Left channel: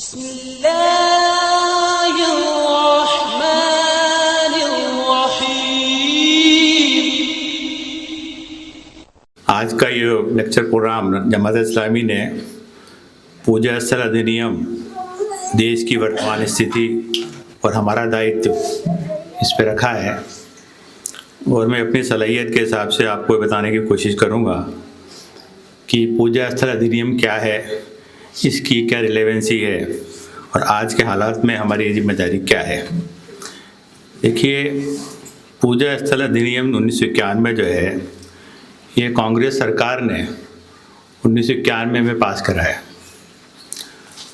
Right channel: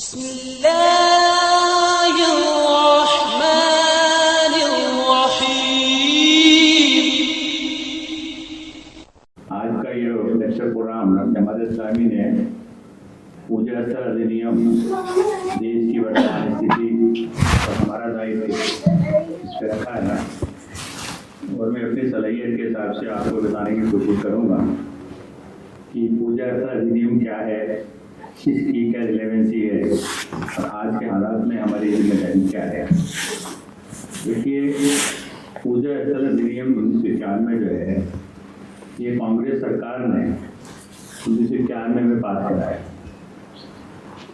आज का ये लेक्चर प्रोग्राम जमात इस्लामी ने पूजा स्थल अधिनियम, देश की वर्तमान स्थिति और हमारा दायित्व इस पर रखा है और मैं अपनी सलाहियत के हिसाब से आपको बताने की कोशिश करूंगा कि पूजा स्थल अधिनियम क्या है, इसकी क्या रिलेवेंसी है और आज के हालात में हमारी जिम्मेदारी क्या है। देखिए, पूजा स्थल अधिनियम 1991 जो है, ये कांग्रेस सरकार ने 1991 में पास कराया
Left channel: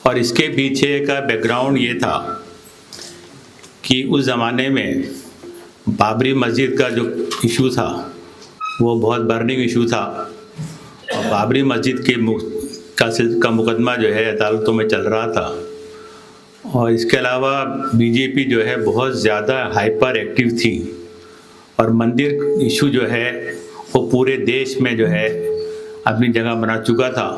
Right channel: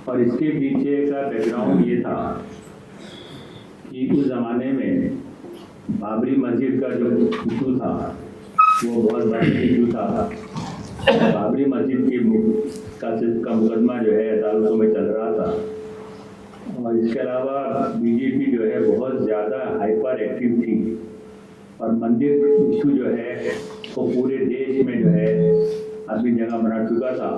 और इसके पीछे का बैकग्राउंड ये था कि उस ज़माने में बाबरी मस्जिद का जो इशू था वो बहुत बर्निंग इशू था। बाबरी मस्जिद का मुकदमा जो है अदालतों में चल रहा था और इसके अलावा बीजेपी जो है बहुत ज़्यादा हाइपर एक्टिव थी और मंदिर इशू जो है वो पूरे देश में जो है अपनी जगह बना चुका था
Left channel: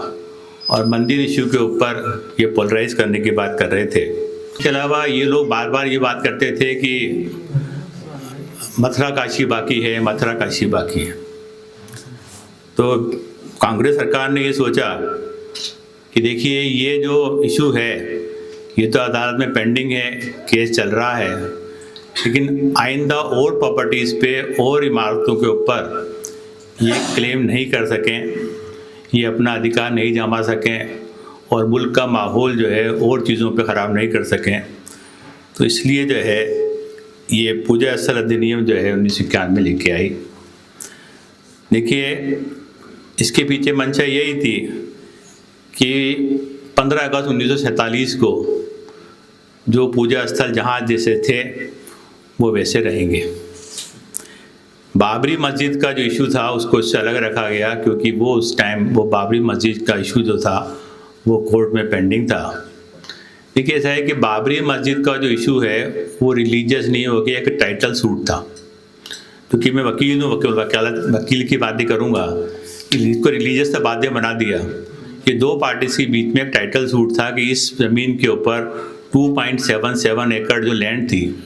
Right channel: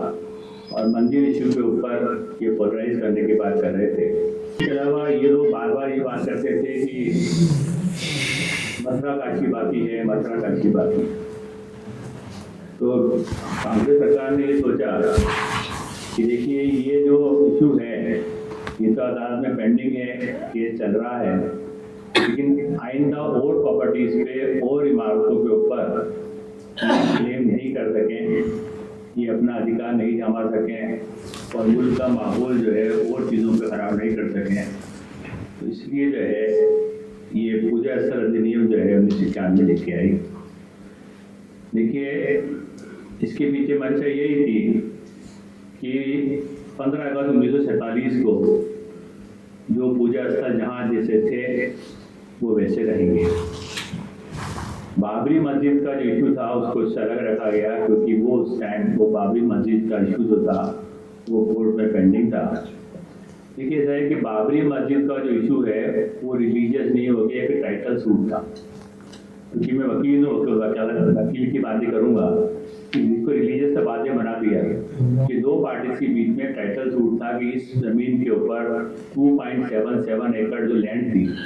और मंदिर इशू के ऊपर ये पोलराइज करने की बात कर रहे थे। इसके अलावा ये लोग बार बार ये बात करते थे कि मथुरा काशी बाकी है, मथुरा काशी बाकी है। तो कांग्रेस सरकार ने ये सोचा कि देखिए, ये जो इशू है ये तो अदालत में पेंडिंग है, केस चल रहा है, लेकिन आइंदा और प्रॉपर्टीज़ पे और इमारतों के ऊपर ये क्लेम नहीं कर सकें, ये अपना अधिकार नहीं जमा सकें और मुल्क का माहौल जो है और चीज़ों पे ख़राब नहीं कर सकें। तो इसलिए जो है ये पूजा स्थल अधिनियम जो है 1991 में लेके आई। देखिए, इसके पीछे मंशा यही थी कि 15 अगस्त 1947 को जो पूजा स्थल जहाँ जैसे थे वो वैसे रहेंगे। बाबरी मस्जिद का जो इशू था उसको इससे अलग रखा गया क्योंकि वो उस टाइम वो बाबरी मस्जिद का इशू जो था वो कोर्ट में पेंडिंग था। देखिए, ऐसा है कि बाबरी मस्जिद का जो इशू है वो रिलीजियस नहीं हो गया, एक टाइटल सूट था। क्योंकि मैं वकील हूँ, वकील की बातें करूँगा कि इसको रिलीजियस से बातें बना दिया कि दो पार्टीज के बीच में एक टाइटल सूट था कि इस ज़मीन के ऊपर 2.77 एकड़ जो लैंड थी,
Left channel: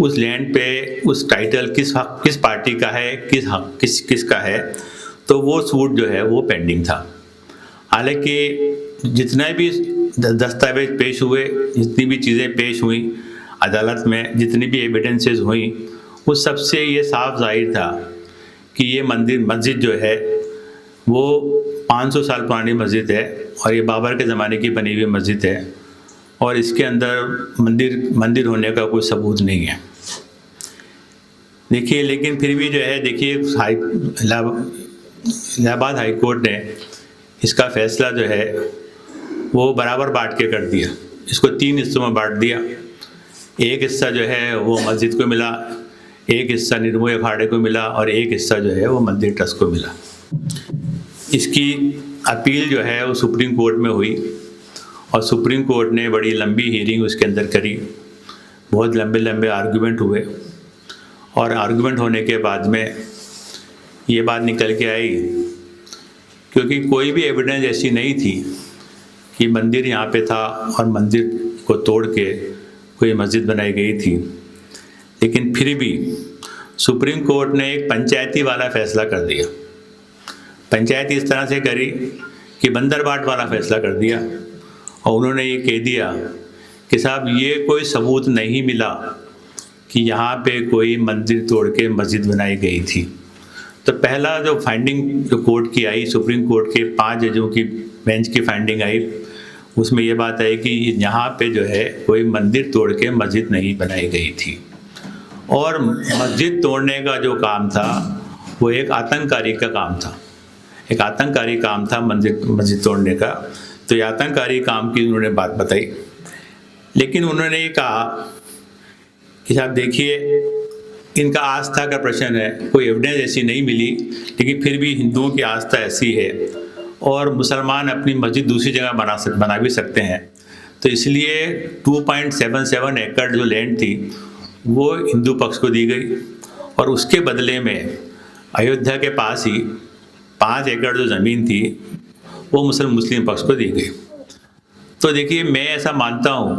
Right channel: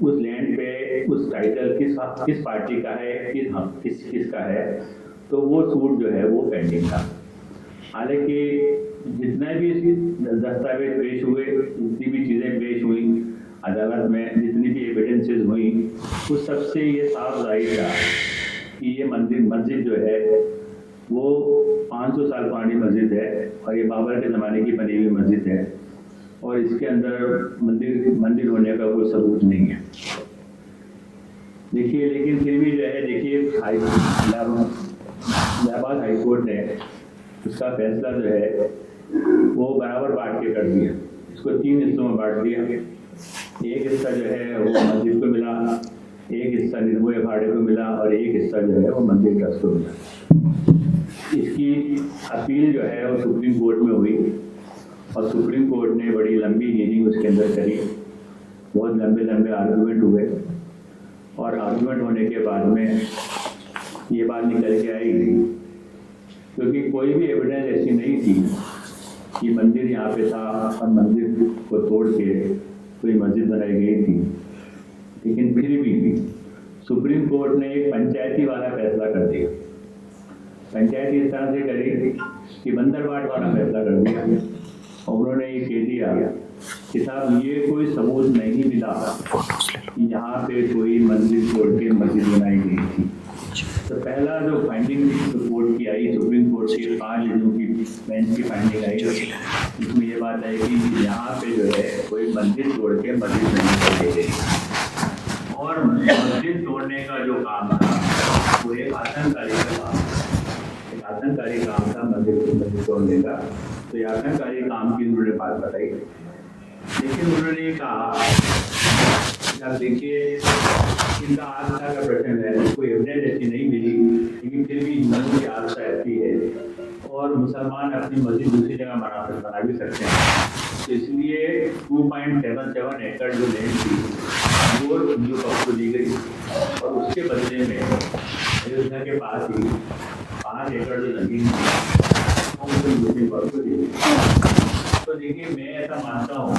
उस लैंड पे उस टाइटल किस पार्टी का है, किसका है। तो वो सूट जो है वो पेंडिंग था। हालांकि जितने भी दस्तावेज पेश हुए, जितनी भी चीज़ें पेश हुई अदालत में, जितनी भी एविडेंसेस हुई, उस सबसे ये साफ जाहिर था कि ये मस्जिद जो है वो 500 साल पुरानी मस्जिद है और ये बाबर के ज़माने की बनी हुई मस्जिद है और इसके अंदर मंदिर होने का कोई सबूत नहीं है। देखिए, लेकिन फिर भी जो है, देखिए, इलाहाबाद हाई कोर्ट ने इसका फैसला जो है वो बराबर बांट के कर दिया। इसको 3 हिस्सों में बांट दिया। एक हिस्सा जो है वो मस्जिद को मिला, एक हिस्सा निर्मोही अखाड़े को मिला और एक हिस्सा जो है वो मंदिर ट्रस्ट को मिला। इसकी अपील जो है वो सुप्रीम कोर्ट में हुई और सुप्रीम कोर्ट ने बड़ी लंबी हियरिंग उसके अंदर करी। बहुत लंबे आर्गूमेंट हुए और आर्गूमेंट होने के बाद में ये बात निकल के आई, क्योंकि कोई भी एविडेंस ऐसी नहीं थी कि मंदिर यहाँ पे था और मंदिर को तोड़ के कोई मस्जिद बनाई गई थी। लेकिन फिर भी सुप्रीम कोर्ट ने एक पंचायती वाला फैसला कर दिया। पंचायती इस तरह से करी कि बंदरबाट वाला फैसला कर दिया और उन्होंने ये कह दिया कि साहब, ये कोई सबूत नहीं मिला कि यहाँ पे कोई मंदिर तोड़ के मस्जिद बनाई गई थी। तो पहला जो फाइंडिंग जो कोर्ट की आई, सुप्रीम कोर्ट के 5 जजों की बेंच की फाइंडिंग आई, उसमें ये बात आई कि यहाँ पे जो है कोई मंदिर तोड़ के मस्जिद नहीं बनाई गई थी और मस्जिद तोड़ने का जो काम था वो एक आतंककारी का काम था। एक आतंककारी काम था मस्जिद तोड़ने का। तो ये आतंककारी काम की उन्होंने बात बताई, लेकिन उन्होंने ये कहा कि आप देखिए, इनका आस्था का प्रश्न है, कोई एविडेंस ऐसी नहीं मिली, लेकिन फिर भी हिंदुओं की आस्था ऐसी है और मुसलमान अपनी मस्जिद दूसरी जगह बना भी सकते हैं। तो इसलिए 2.77 एकड़ जो लैंड थी वो हिंदू पक्ष को दी गई और उसके बदले में अयोध्या के पास ही 5 एकड़ जो ज़मीन थी वो मुस्लिम पक्ष को दी गई। तो देखिए, मैं ऐसा मानता हूँ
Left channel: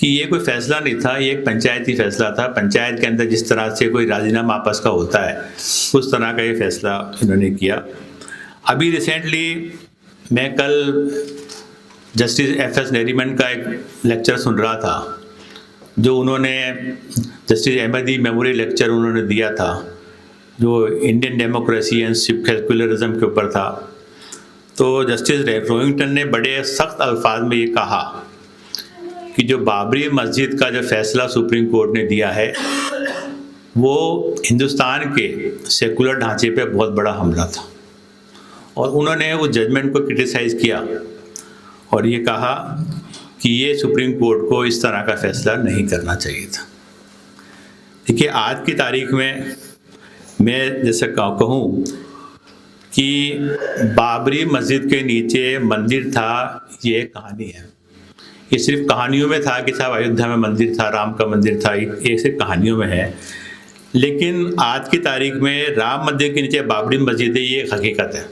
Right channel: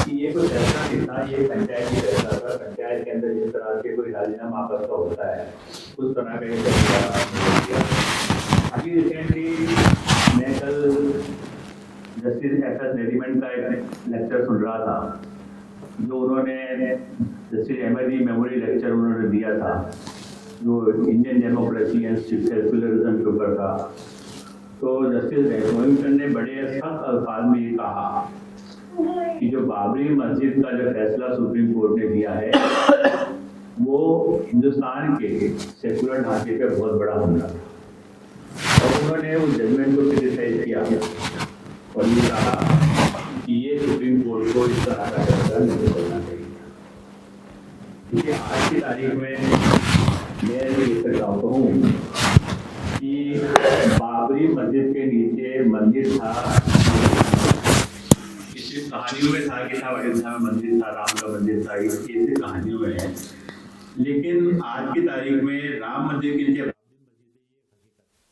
कि ये कोई फैसला नहीं था, ये एक पंचायती फैसला था। पंचायत के अंदर जिस तरह से कोई राजीनामा आपस का होता है, उस तरह का ये फैसला उन्होंने किया। अभी रिसेंटली मैं कल जस्टिस एफ.एस. नरीमन का एक लेक्चर सुन रहा था, जो उन्होंने जस्टिस अहमदी मेमोरियल लेक्चर उन्होंने दिया था, जो इंडियन डेमोक्रेसी एंड सेक्युलरिज्म के ऊपर था। तो जस्टिस रोहिंटन ने बड़े सख्त अल्फाज में ये कहा कि जो बाबरी मस्जिद का जो फैसला सुप्रीम कोर्ट ने दिया है, वो हिंदुस्तान के सेकुलर ढांचे पे बहुत बड़ा हमला था। और उन्होंने उस जजमेंट को क्रिटिसाइज़ किया और ये कहा कि ये सुप्रीम कोर्ट को इस तरह का फैसला नहीं करना चाहिए था। देखिए, आज की तारीख में मैं जैसे कहूँ कि बाबरी मस्जिद के नीचे मंदिर था, ये सिर्फ कहानियों में था कि साहब अयोध्या में मंदिर था, राम का मंदिर था, ये सिर्फ कहानियों में है। लेकिन आज की तारीख में राम मंदिर के नीचे बाबरी मस्जिद है, ये एक हकीकत है।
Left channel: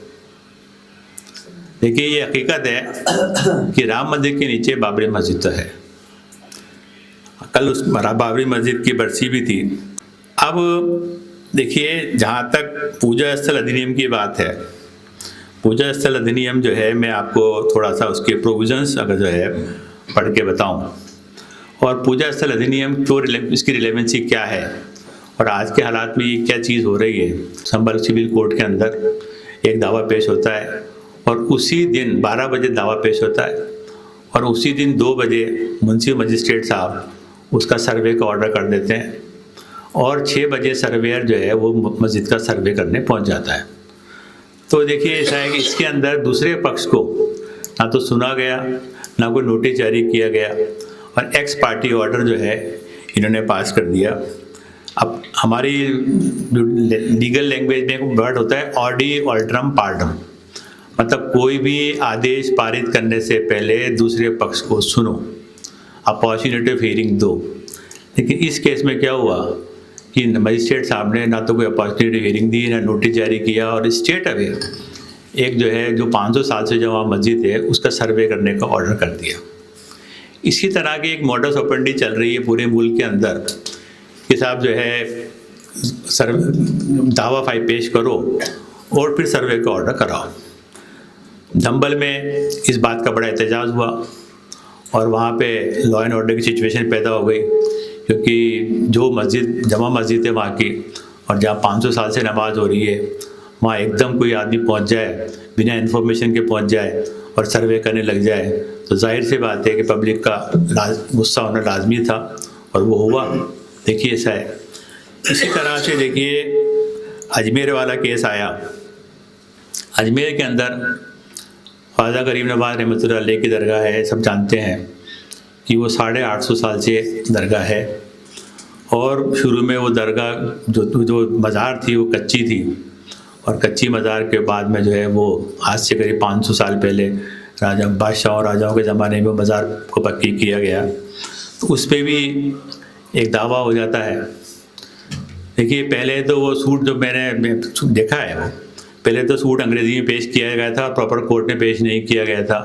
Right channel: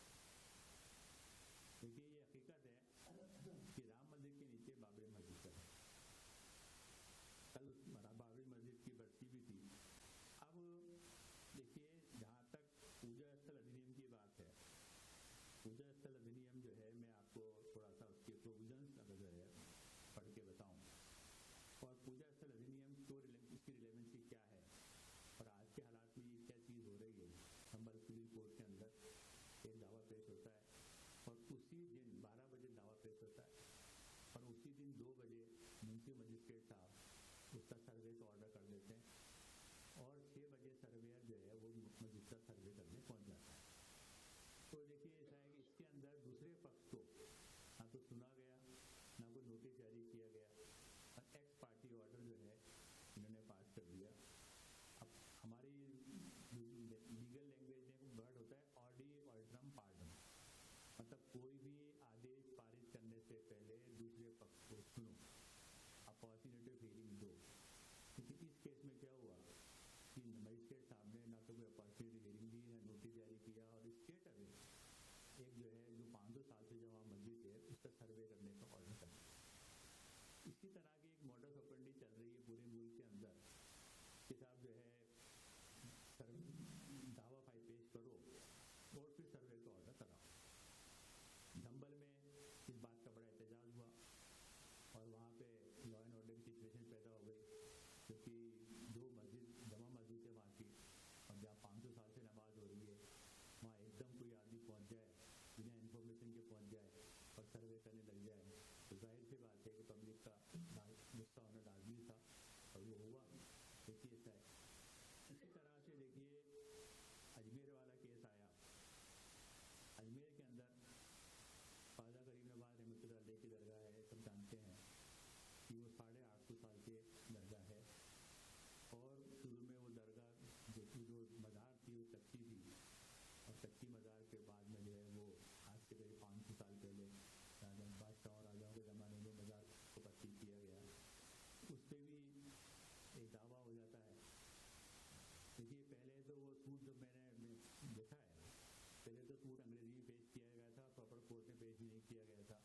देखिए, ये हकीकत है कि राम मंदिर के नीचे बाबरी मस्जिद तो है। कल उस बाबरी मस्जिद की बरसी भी थी। अब देखिए, जहाँ तक पूजा स्थल अधिनियम की बात है, पूजा स्थल अधिनियम जो है, मैं आपको थोड़ा सा उसके प्रोविजंस अगर जो है पढ़ के बताऊँ, और पूजा स्थल अधिनियम क्यों, इसकी रिलेवेंसी क्या है और आज के हालात में ये क्या चीज़ हो रही है। संभल सिविल कोर्ट के अंदर एक दावा पेश होता है और उसी दिन 12 बजे दावा पेश होता है और उसी दिन 2 बजे मुंसिफ मजिस्ट्रेट साहब उसका सर्वे का ऑर्डर कर देते हैं और 6 बजे सर्वेयर जो है वो मस्जिद का सर्वे करने पहुंच जाता है। तो देखिए, ऐसा है कि इसके अंदर दूसरे पक्ष को ना तो सुना गया, ना कोई नोटिस जारी किया गया और एक्स पार्टी ऑर्डर जो है इन्होंने पास कर दिया। अब हमारी लीगल लैंग्वेज में एक वर्ड होता है ऑडी ऑल्ट्रम पार्डम, मतलब कोई भी आदेश पारित करने से पहले दूसरे पक्ष को सुनो, अपॉर्चुनिटी ऑफ हियरिंग दो। लेकिन इस केस में क्या हुआ कि मजिस्ट्रेट साहब ने ना तो कोई अपॉर्चुनिटी हियरिंग दी, ना नोटिस जारी किया और स्ट्रेट अवे एक जो है जो 500 साल से जमा मस्जिद है उसका सर्वे करने का ऑर्डर कर दिया। इसी तरह की एक मॉडस ऑपरेंडी चल रही है पूरे मुल्क के अंदर कि साहब जो है दावा फाइल पेश करो और फिर सर्वे का ऑर्डर कराओ। दंबल में इस बात का बड़ा एहतजाज हुआ और वहाँ पे लॉ एंड ऑर्डर की सिचुएशन पैदा हो गई, क्योंकि जो मस्जिद जमा मस्जिद है वहाँ की और जहाँ 500 साल से नमाज हो रही है, वहाँ एकदम कोई आदमी पहुँच जाए, बिना इन्फॉर्मेशन के पहुँच जाए और सर्वे करने लग जाए, तो जाहिर सी बात है कि पब्लिक का गुस्सा होना लाजमी था और वो हुआ। देखिए, ऐसा है। इसी तरह से देखिए, अजमेर वाला केस आया। अजमेर के अंदर ख्वाजा गरीब नवाज रहमतुल्लाह अलैह की दरगाह है। सब जानते हैं कि वो 850 साल से दरगाह है और शुरू में वो दरगाह जो मज़ार थी वो कच्ची थी और कच्ची मज़ार के बाद में जो है वो आज से करीब 500 साल पहले राजा बादशाहों राजाओं के ज़माने में मज़ार को पक्की किया गया। तो उस पर भी एक दावा हो जाता है। देखिए, पहले तो वो सूट जो मैंने देखा है, वो पहले तो सूट अंग्रेज़ी में पेश किया गया था, प्रॉपर कोर्ट में पेश नहीं किया गया था।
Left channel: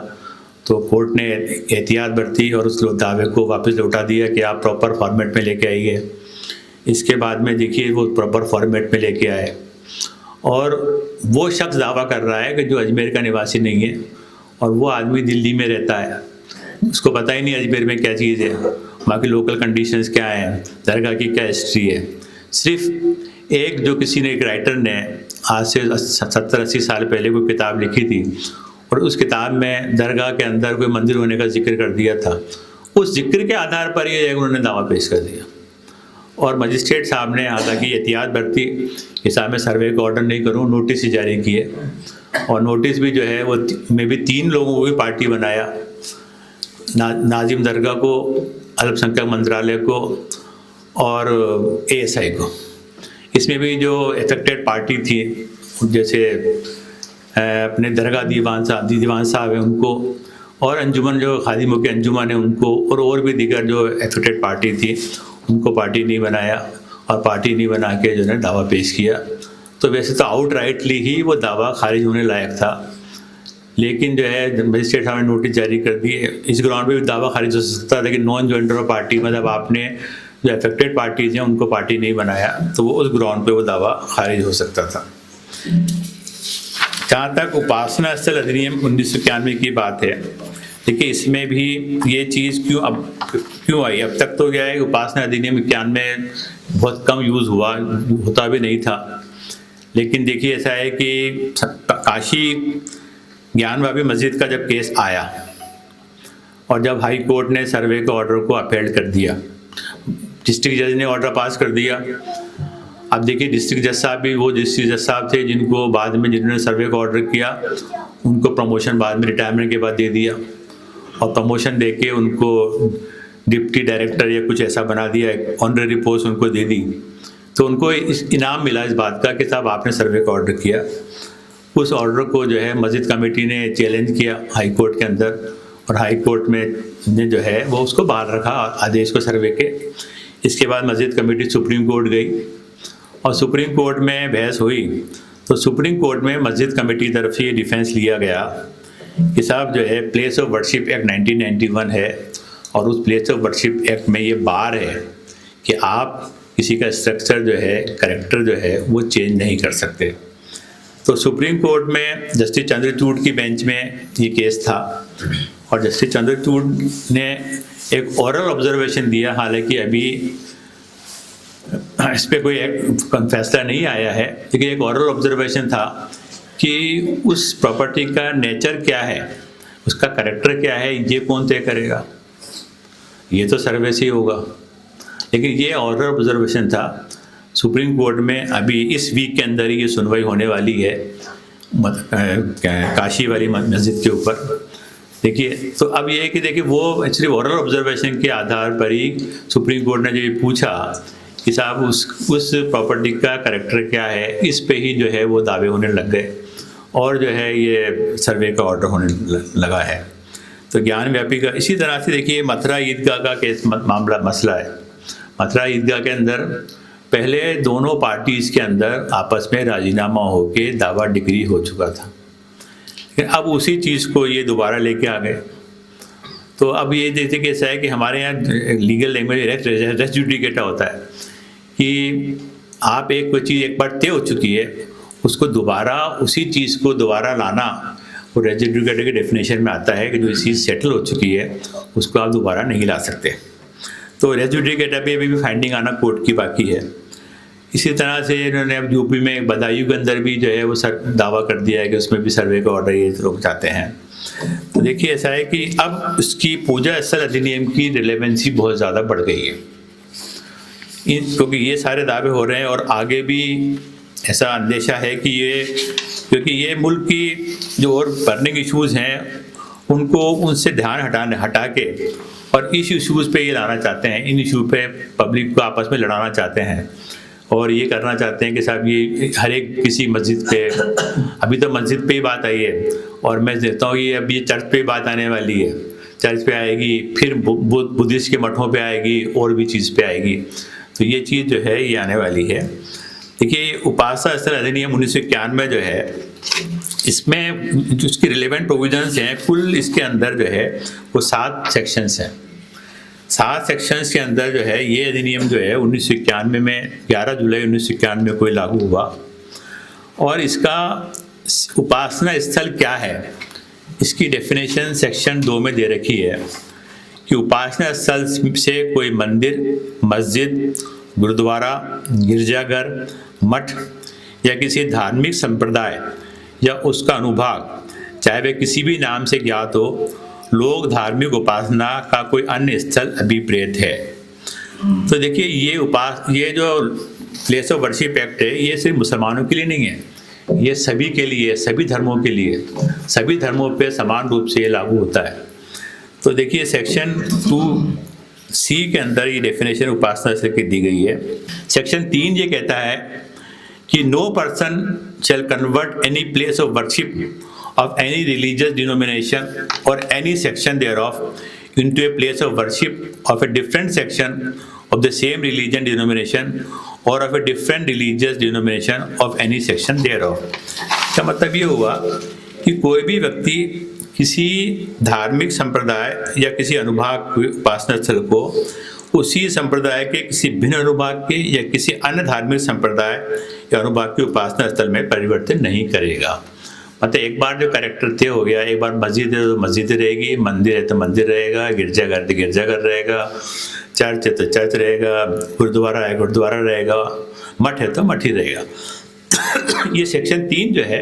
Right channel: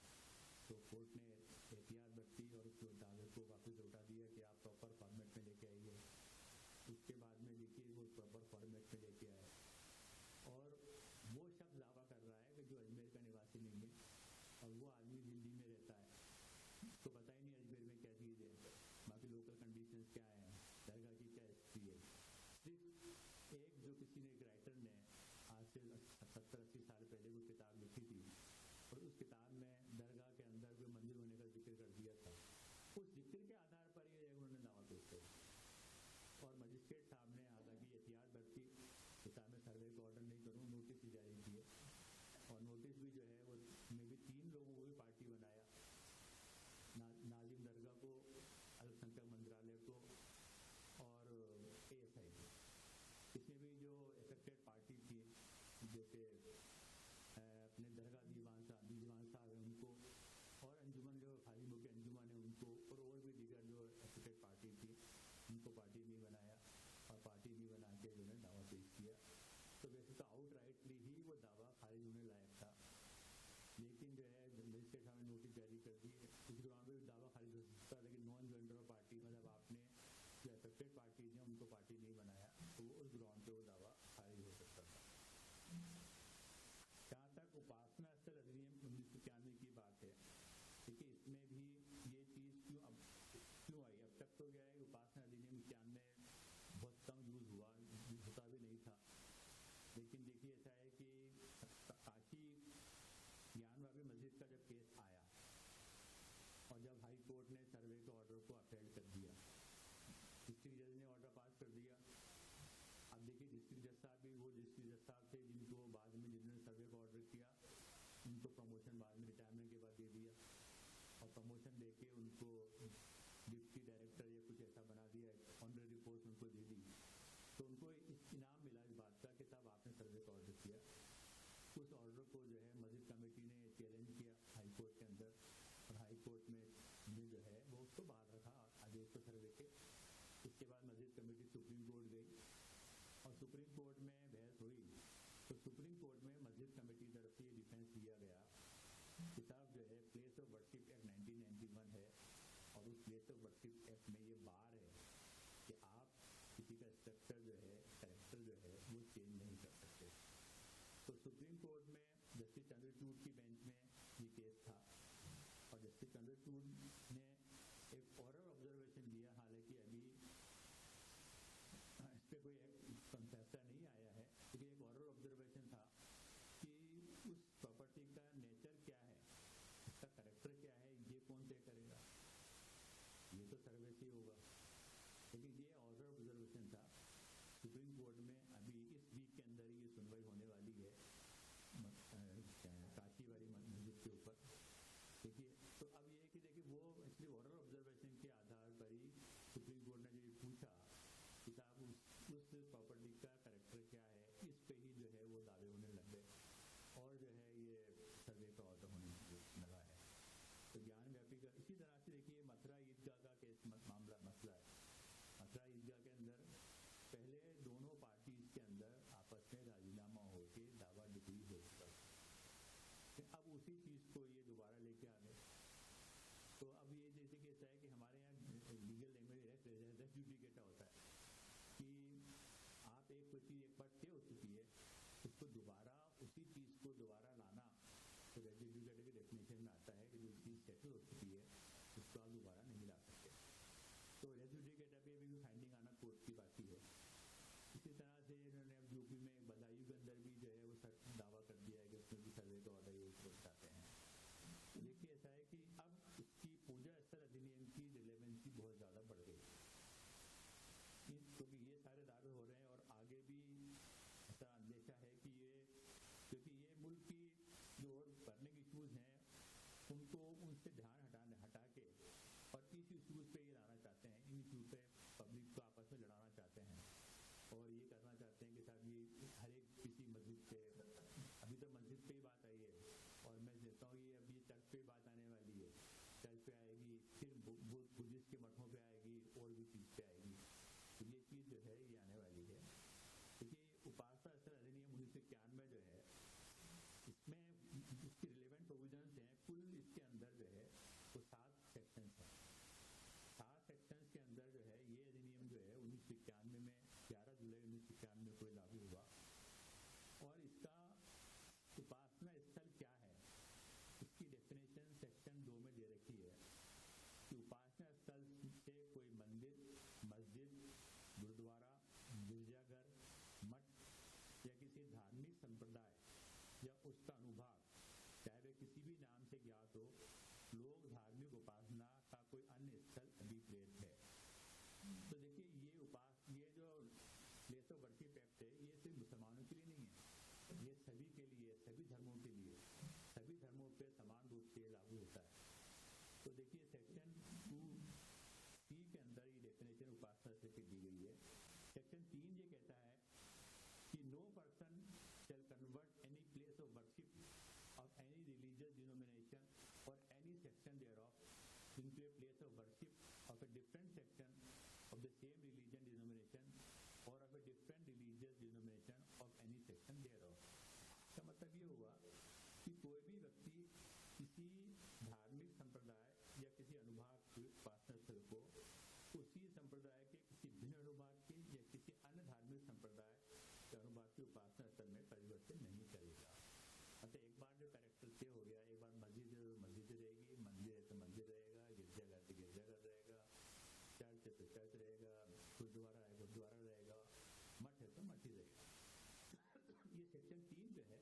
तो कोर्ट ने एहतियात बरती और उस दावे को वापस लौटा दिया कि आप प्रॉपर फॉर्मेट में लेके आइए। इसके बाद में देखिए वो प्रॉपर फॉर्मेट में लेके आए और वो शख्स दावा कर रहा है कि जो अजमेर का निवासी नहीं है और वो आदमी दिल्ली में रहता है, उसको पता ही नहीं अजमेर में क्या चीज़ है, वहाँ की लोकल कंडीशंस क्या हैं, दरगाह की क्या हिस्ट्री है। सिर्फ एक जो किसी ने एक राइटर ने आज से 70-80 साल पहले कोई किताब लिखी थी और उस किताब में दरगाह के अंदर कोई मंदिर होने का जिक्र कर दिया था, उस जिक्र के आधार पर ये उन्होंने दावा पेश कर दिया और मजिस्ट्रेट साहब ने हालांकि एहतियात बरती कि साहब मैं सर्वे का ऑर्डर नहीं करूँ, नोटिस ही जारी किए और नोटिस भी जो है वो मैं भी 3 लोगों को भी पार्टी बनाया, नाजिम दरगाह को, अल्पसंख्यक मंत्रालय को और ASI को। इसमें भी जो अफेक्टेड पार्टी थी, जैसे अपने दरगाह दीवान साहब हैं उनको और अंजुमन जो खादिमों के अंजुमन है उनको और भी दीगर जो अफेक्टेड पार्टी थी उनको पार्टी नहीं बनाया और पार्टी नहीं बना के जो है दावा पेश किया। तो वैसे तो आउटराइटली ही वो दावा खारिज होने लायक था, लेकिन जो है मजिस्ट्रेट साहब ने नोटिस जारी कर दिए। इस ग्राउंड पे भी दावा खारिज हो सकता था कि नॉन ज्वाइंटर ऑफ पार्टी, मतलब आपने जो अफेक्टेड पार्टीज हैं उनको पार्टी नहीं बनाया, तो वो उस ग्राउंड पे वो दावा खारिज हो सकता था। जहाँ तक उपासना स्थल अधिनियम 1991 की बात है, देखिए इसमें भी ये चीज़ क्यों आई। अब तक तो क्या है, उपासना अधिनियम 91 बहुत कम यूज़ होता भी नहीं था। लेकिन देखिए ऐसा है कि काशी ज्ञानवापी मस्जिद का जब केस आया और जब हाई कोर्ट ने सर्वे के ऑर्डर को अपहेल्ड कर दिया, डिस्ट्रिक्ट जज ने ऑर्डर पास कर दिया। अब देखिए डिस्ट्रिक्ट जज साहब भी वो डिस्ट्रिक्ट जज साहब थे जिनको बाद में जिन्होंने सर्वे का ऑर्डर किया उनको प्रमोशन बाद में रिटायरमेंट के बाद दे दिया, और प्रमोशन दे के उनको डिप्टी डायरेक्टर या कुछ ऐसा बना दिया, ऑनररी पोस्ट उनको दे दी। तो उनको इनाम मिला इस बात का कि साहब आपने सर्वे का ऑर्डर किया। उस ऑर्डर को जो है मस्जिद कमेटी ने चैलेंज किया हाई कोर्ट के अंदर, और हाई कोर्ट में ने जो है वो उसको बाहर रखा आदेश को सर्वे के। इसके बाद मस्जिद कमेटी सुप्रीम कोर्ट गई और सुप्रीम कोर्ट में बहस हुई, तो सुप्रीम कोर्ट में मस्जिद कमेटी की तरफ से ये डिफेंस लिया गया कि साहब जो है प्लेस ऑफ वर्शिप एक्ट 1991 है, और उस प्लेस ऑफ वर्शिप एक्ट में ये बार है कि आप किसी का स्ट्रक्चर जो है, कैरेक्टर जो है वो चेंज नहीं कर सकते। तो सुप्रीम कोर्ट में जस्टिस चंद्रचूड़ की बेंच में ये केस था, और जस्टिस चंद्रचूड़ ने एक ओरल ऑब्जर्वेशन दिया, हालांकि अभी इस पर कोई फैसला नहीं आया है, लेकिन एक ओरल ऑब्जर्वेशन था कि उस प्रॉपर्टी का नेचर क्या है, उसका कैरेक्टर क्या है, ये कौन तय करेगा, ये तो सर्वे से ही होगा। लेकिन ये ओरल ऑब्जर्वेशन था। सुप्रीम कोर्ट में अभी इस वीक के अंदर ही ये सुनवाई होने वाली है काशी वाली मस्जिद के ऊपर। देखिए तो अब ये है कि देखिए वो एक्चुअली ओरल ऑब्जर्वेशन के आधार पर ही सुप्रीम कोर्ट ने जो ये पूछा कि साहब उस प्रॉपर्टी का कैरेक्टर क्या है, इस पे ही जो है वो दावे होने लग गए, और जो है ये सर्वे का ऑर्डर होने लगा है। तो ज्ञानव्यापी का इसी तरह से देखिए मथुरा ईदगाह का केस मसला है। मथुरा ईदगाह के अंदर पहले दोनों पार्टीज़ के अंदर आपस में राजीनामा होके दावा डिग्री हो चुका था, लेकिन अब उसी चीज़ को ये दोबारा लेके आ गए। तो अब ये जैसे कि ऐसा है कि हमारे यहाँ लीगल लैंग्वेज रेस जुडिकेटा होता है कि आप कोई चीज़ एक बार तय हो चुकी है, उसको दोबारा उसी चीज़ को दोबारा लाना वो रेस जुडिकेटा के डेफिनेशन में आता है कि जो चीज़ सेटल हो चुकी है उसको आप दोबारा नहीं ला सकते। तो रेस जुडिकेटा पे अभी भी फाइंडिंग आना कोर्ट की बाकी है। इसी तरह से इन्होंने अब यूपी में बदायूं के अंदर भी जो है वो दावा कर दिया है कि उसमें भी सर्वे का ऑर्डर ये लोग चाहते हैं। तो देखिए ऐसा है कि अब उसकी पूजा स्थल अधिनियम की रिलेवेंसी बहुत ज़्यादा बढ़ गई है, क्योंकि ये सारे दावे हो रहे हैं, और आगे भी ऐसा अंदेशा है कि क्योंकि ये मुल्क की जो और बर्निंग इश्यूज़ हैं उनको उनसे ध्यान हटा के और इस इश्यूज़ पे ये लाना चाहते हैं, इन इशू पे पब्लिक को आपस में लड़ाना चाहते हैं, और ये करना चाहते हैं कि साहब ये हर एक किसी मस्जिद पे, अभी तो मस्जिद पे ही बात आई है, और मैं देखता हूँ ये अभी चर्च पे बात आने वाली है, चर्च पे आएगी, फिर बुद्धिस्ट के मठों पे आएगी, और भी चीज़ पे आएगी। तो ये चीज़ जो है ये आने वाली है। देखिए उपासना स्थल अधिनियम 1991 जो है, इसमें जो उसकी रिलेवेंट प्रोविजंस हैं, कुल इसके अंदर जो है वो 7 सेक्शंस हैं। 7 सेक्शंस के अंदर जो है ये अधिनियम जो है 1991 में 11 जुलाई 1991 में कोई लागू हुआ, और इसका उपासना स्थल क्या है इसकी डेफिनेशन सेक्शन 2 में दे रखी है कि उपासना स्थल से कोई मंदिर, मस्जिद, गुरुद्वारा, गिरजाघर, मठ या किसी धार्मिक संप्रदाय या उसका अनुभाग, चाहे वह किसी भी नाम से ज्ञात हो, लोग धार्मिक उपासना का कोई अन्य स्थल अभिप्रेत है। तो देखिए ये जो प्लेस ऑफ वर्शिप एक्ट है ये सिर्फ मुसलमानों के लिए नहीं है, ये सभी के लिए, सभी धर्मों के लिए, सभी धर्मों पे समान रूप से ये लागू होता है। तो देखिए सेक्शन 2C के अंदर ये डेफिनेशन उपासना से दी गई है। सेक्शन 3 ये कहता है कि no person shall convert any place of worship of any religious denomination or any section thereof into a place of worship of a different section of the same religion denomination or of a different religious denomination of any section thereof। का मतलब ये हुआ कि कोई भी व्यक्ति किसी धार्मिक संप्रदाय या किसी अनुभाग उपासना स्थल को उसी संप्रदाय के किसी भिन्न अनुभाग के या किसी अन्य धार्मिक संप्रदाय या अनुभाग के उपासना स्थल में परिवर्तन नहीं करेगा। मतलब एक बार जो कैरेक्टर तय हो गया, एक बार मस्जिद है तो मस्जिद रहेगी, मंदिर है तो मंदिर रहेगा, गिरजाघर तो गिरजाघर रहेगा, चर्च है तो चर्च रहेगा, गुरुद्वारा है गुरुद्वारा रहेगा, मठ है तो मठ ही रहेगा। ये सेक्शन 3 जो है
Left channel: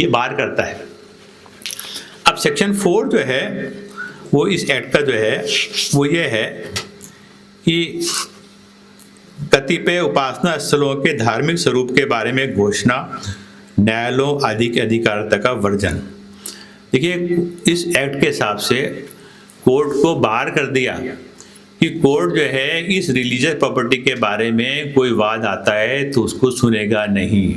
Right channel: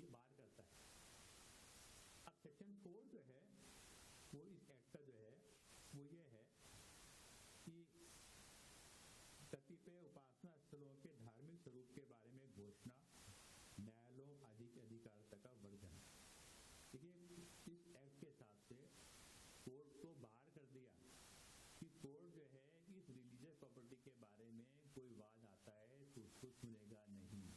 ये बार करता है। अब सेक्शन 4 जो है वो इस एक्ट का जो है वो ये है कि कतिपय उपासना स्थलों के धार्मिक स्वरूप के बारे में घोषणा, न्यायालयों आदि के अधिकारिता का वर्जन। देखिए, इस एक्ट के हिसाब से कोर्ट को बाहर कर दिया कि कोर्ट जो है इस रिलीजियस प्रॉपर्टी के बारे में कोई वाद आता है तो उसको सुनेगा नहीं,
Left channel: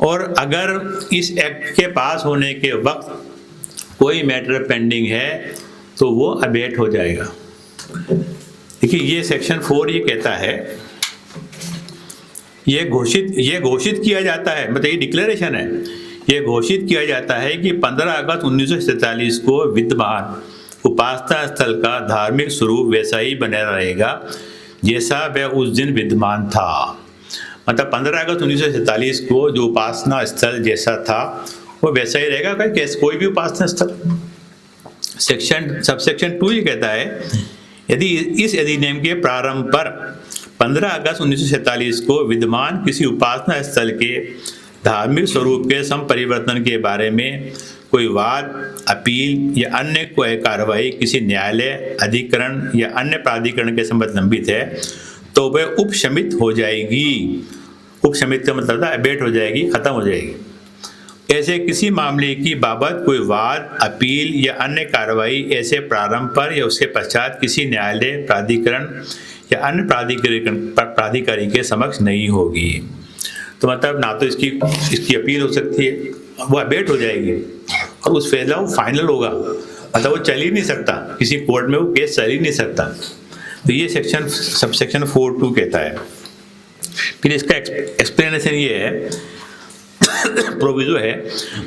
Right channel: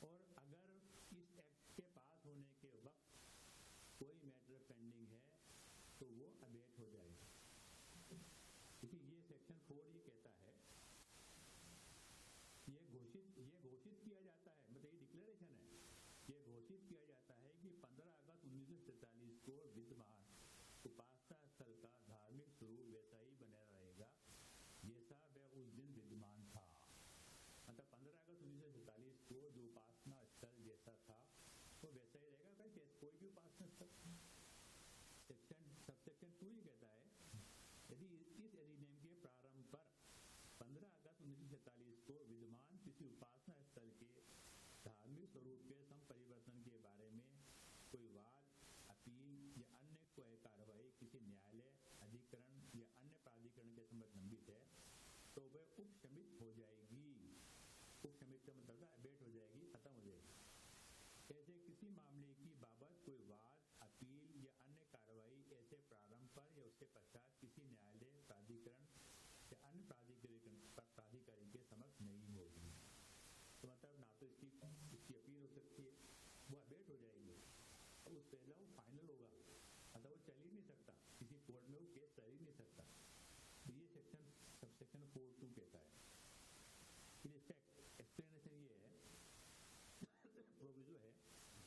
और अगर इस एक्ट के पास होने के वक्त कोई मैटर पेंडिंग है तो वो अबेट हो जाएगा। देखिए, ये सेक्शन 4 ये कहता है, ये घोषित किया जाता है, मतलब ये डिक्लेरेशन है, ये घोषित किया जाता है कि 15 अगस्त 1947 को विद्यमान उपासना स्थल का धार्मिक स्वरूप वैसा ही बना रहेगा जैसा वह उस दिन विद्यमान था। मतलब 15 अगस्त 1947 को जो उपासना स्थल जैसा था वो वैसा ही रहेगा, कोई भी उपासना स्थल। सबसेक्शन 2 ये कहता है, यदि इस अधिनियम के प्रारंभ पर 15 अगस्त 1947 को विद्यमान किसी उपासना स्थल के धार्मिक स्वरूप के संपरिवर्तन के बारे में कोई वाद, अपील या अन्य कोई कार्रवाई किसी न्यायालय, अधिकरण या अन्य प्राधिकरण के संबंध लंबित है तो वह उपशमित हो जाएगी। उपशमित का मतलब था अबेट हो जाएगी, खत्म हो जाएगी। ऐसे किसी मामले की बाबत कोई वाद, अपील या अन्य कार्रवाई ऐसे प्रारंभ पर या उसके पश्चात किसी न्यायालय, प्राधिकरण या अन्य प्राधिकारी के समक्ष नहीं होगी। तो मतलब ना तो इसकी अपील हो सकती है, वो अबेट हो जाएगी, और उस फैसला वो फाइनल होगा, मतलब वो चल ही नहीं सकता, किसी कोर्ट में वो केस चल ही नहीं सकता। तो ये सबसेक्शन 4(2) कहता है। फिर इसका एक्सप्लेनेशन ये है, प्रोविजो है,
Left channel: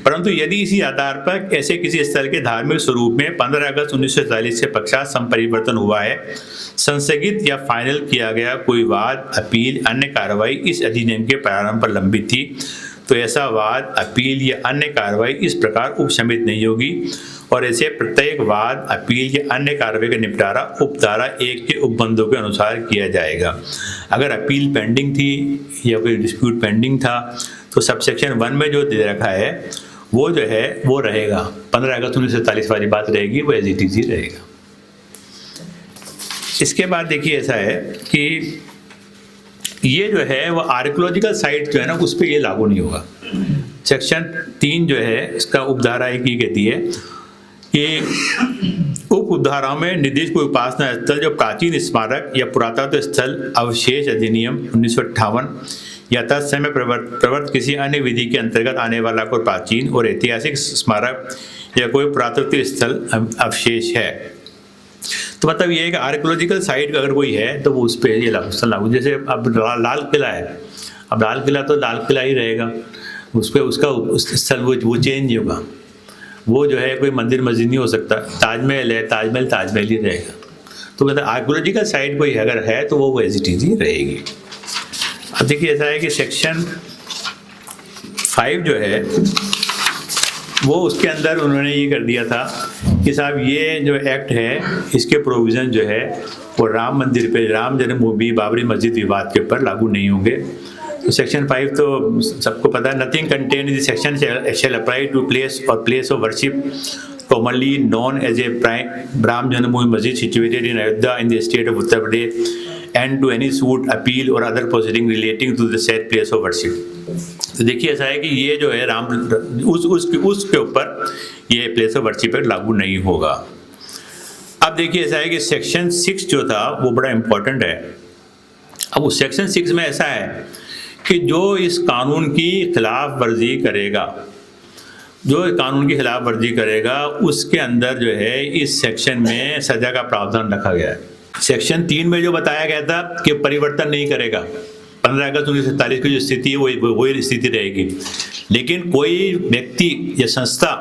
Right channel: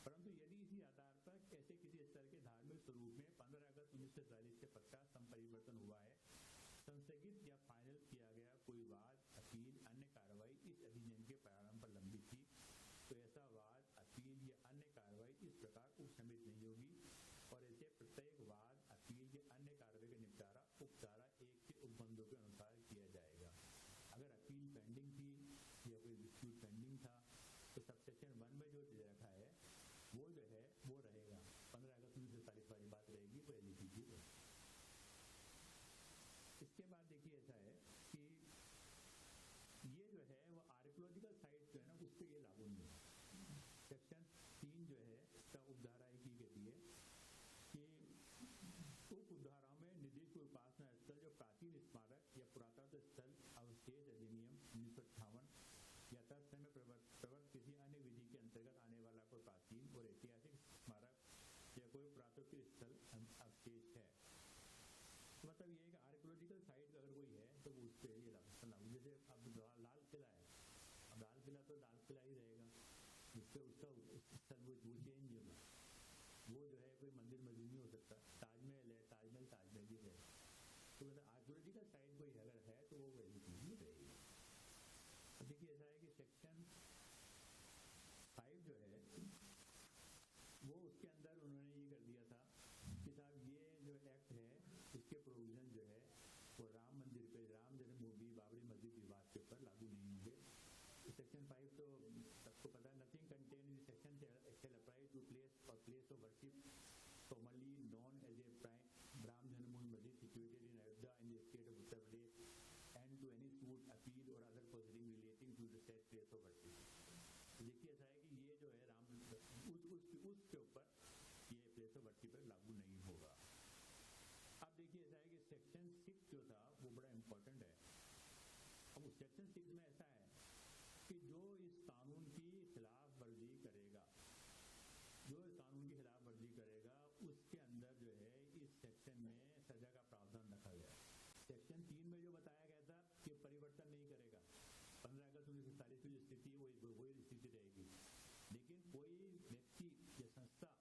परंतु यदि इसी आधार पर ऐसे किसी स्थल के धार्मिक स्वरूप में 15 अगस्त 1947 के पश्चात संपरिवर्तन हुआ है, संस्थगित या फाइनल किया गया कोई वाद, अपील, अन्य कार्रवाई इस अधिनियम के प्रारंभ पर लंबित थी, तो ऐसा वाद, अपील या अन्य कार्रवाई इस प्रकार उपशमित नहीं होगी, और ऐसे प्रत्येक वाद, अपील या अन्य कार्रवाई का निपटारा उपधारा 1 के उपबंधों के अनुसार किया जाएगा। अगर अपील पेंडिंग थी या कोई डिस्प्यूट पेंडिंग था तो सबसेक्शन 1 में जो दे रखा है वो जो है वो रहेगा, 15 अगस्त 1947 वाली बात रहेगी, वो एज इट इज ही रहेगा। इसके बाद देखिए ऐसा है कि ये जो है वो आर्कियोलॉजिकल साइट जो है ना उस पर ये लागू नहीं होगा। सेक्शन 3 जो है इसका उपधारा 1 ये कहती है कि उप उपधाराओं में निर्दिष्ट कोई उपासना स्थल जो प्राचीन स्मारक या पुरातत्व स्थल अवशेष अधिनियम 1958 या तत्समय प्रवर्त किसी अन्य विधि के अंतर्गत आने वाला कोई प्राचीन और ऐतिहासिक स्मारक या कोई पुरातत्व स्थल अवशेष है। तो मतलब ये है कि आर्कियोलॉजिकल साइट अगर कोई है तो वो उस पर ये लागू। जैसे अब लाल किला है, अब लाल किला तो लाल किला ही रहेगा, उस पर उसका स्थल वो चेंज नहीं होगा, वो जो है कोई मंदिर मस्जिद नहीं हो सकता। ताजमहल है, ताजमहल ताजमहल ही रहेगा। तो मतलब आर्कियोलॉजिकल साइट कोई अगर है तो वो एज इट इज ही रहेगी। अब देखिए ऐसा है कि सेक्शन 5 जो है वो उसके अंदर उन्होंने ये कर दिया था कि साहब ये जो एक्ट है इसके प्रोविज़न जो है वो राम मंदिर पे, राम जन्मभूमि, बाबरी मस्जिद विवाद के ऊपर लागू नहीं होंगे। तो सेक्शन 5 तो सबको पता है, nothing contain in this section shall apply to place of worship commonly known as a Ram Janmabhoomi Masjid situated in Ayodhya in the state of Uttar Pradesh and to any suit, appeal or other proceeding relating to the said place of worship। तो देखिए ऐसा है कि ये जो है राम उसके ऊपर ये प्लेस ऑफ वर्शिप पर लागू नहीं होगा। अब देखिए ऐसा है कि सेक्शन 6 जो था वो बड़ा इम्पोर्टेंट है। अब उस सेक्शन 6 में ऐसा है कि जो इस कानून की खिलाफ वर्जी करेगा, जो कानून की खिलाफ वर्जी करेगा उसके अंदर जो है इस सेक्शन में सजा का प्रावधान रखा गया है। सेक्शन 3 में जो बताया गया था कि परिवर्तन नहीं करेगा, 15 अगस्त 1947 की जो स्थिति है वही स्थिति रहेगी। लेकिन कोई व्यक्ति या संस्था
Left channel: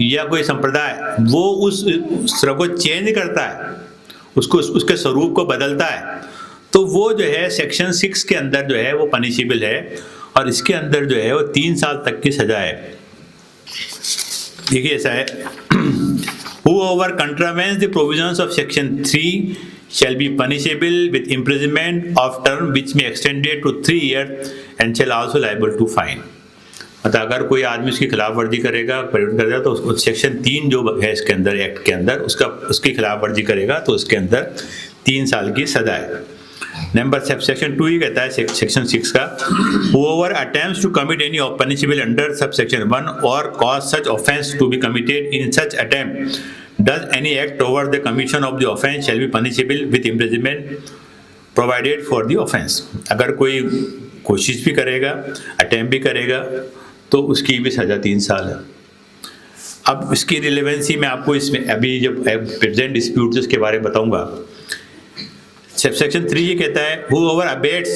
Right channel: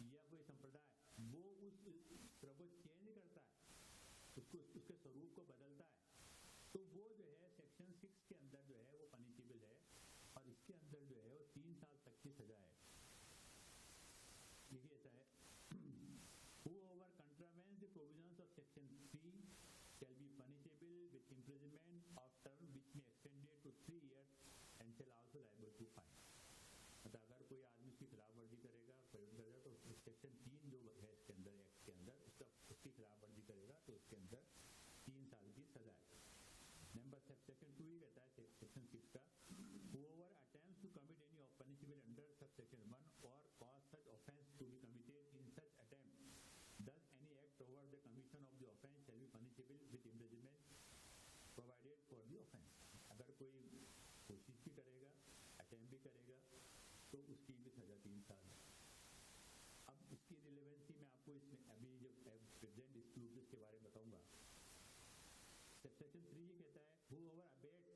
या कोई संप्रदाय वो उस स्वरूप को चेंज करता है, उसको उसके स्वरूप को बदलता है, तो वो जो है सेक्शन 6 के अंदर जो है वो पनिशेबल है, और इसके अंदर जो है वो 3 साल तक की सजा है। देखिए ऐसा है, whoever contravenes the provisions of section 3 shall be punishable with imprisonment of term which may extend it to 3 years and shall also liable to fine। मतलब अगर कोई आदमी उसकी खिलाफ वर्जी करेगा, परिवर्तन करेगा, तो उसको सेक्शन 3 जो है इसके अंदर, एक्ट के अंदर, उसकी खिलाफ वर्जी करेगा तो उसके अंदर 3 साल की सजा है। नंबर सेक्शन 2 ही कहता है सेक्शन 6 का, whoever attempts to commit any punishable under subsection 1 or cause such offence to be committed in such attempt does any act toward the commission of the offence shall be punishable with imprisonment provided for the offence। अगर कोई कोशिश भी करेगा, attempt भी करेगा, तो उसकी भी सजा 3 साल है। अब इसकी रिलेवेंसी मैं आपको इसमें अभी जब प्रेजेंट डिस्प्यूट उसके बारे में बताऊंगा। सेक्शन 3 ये कहता है, whoever abets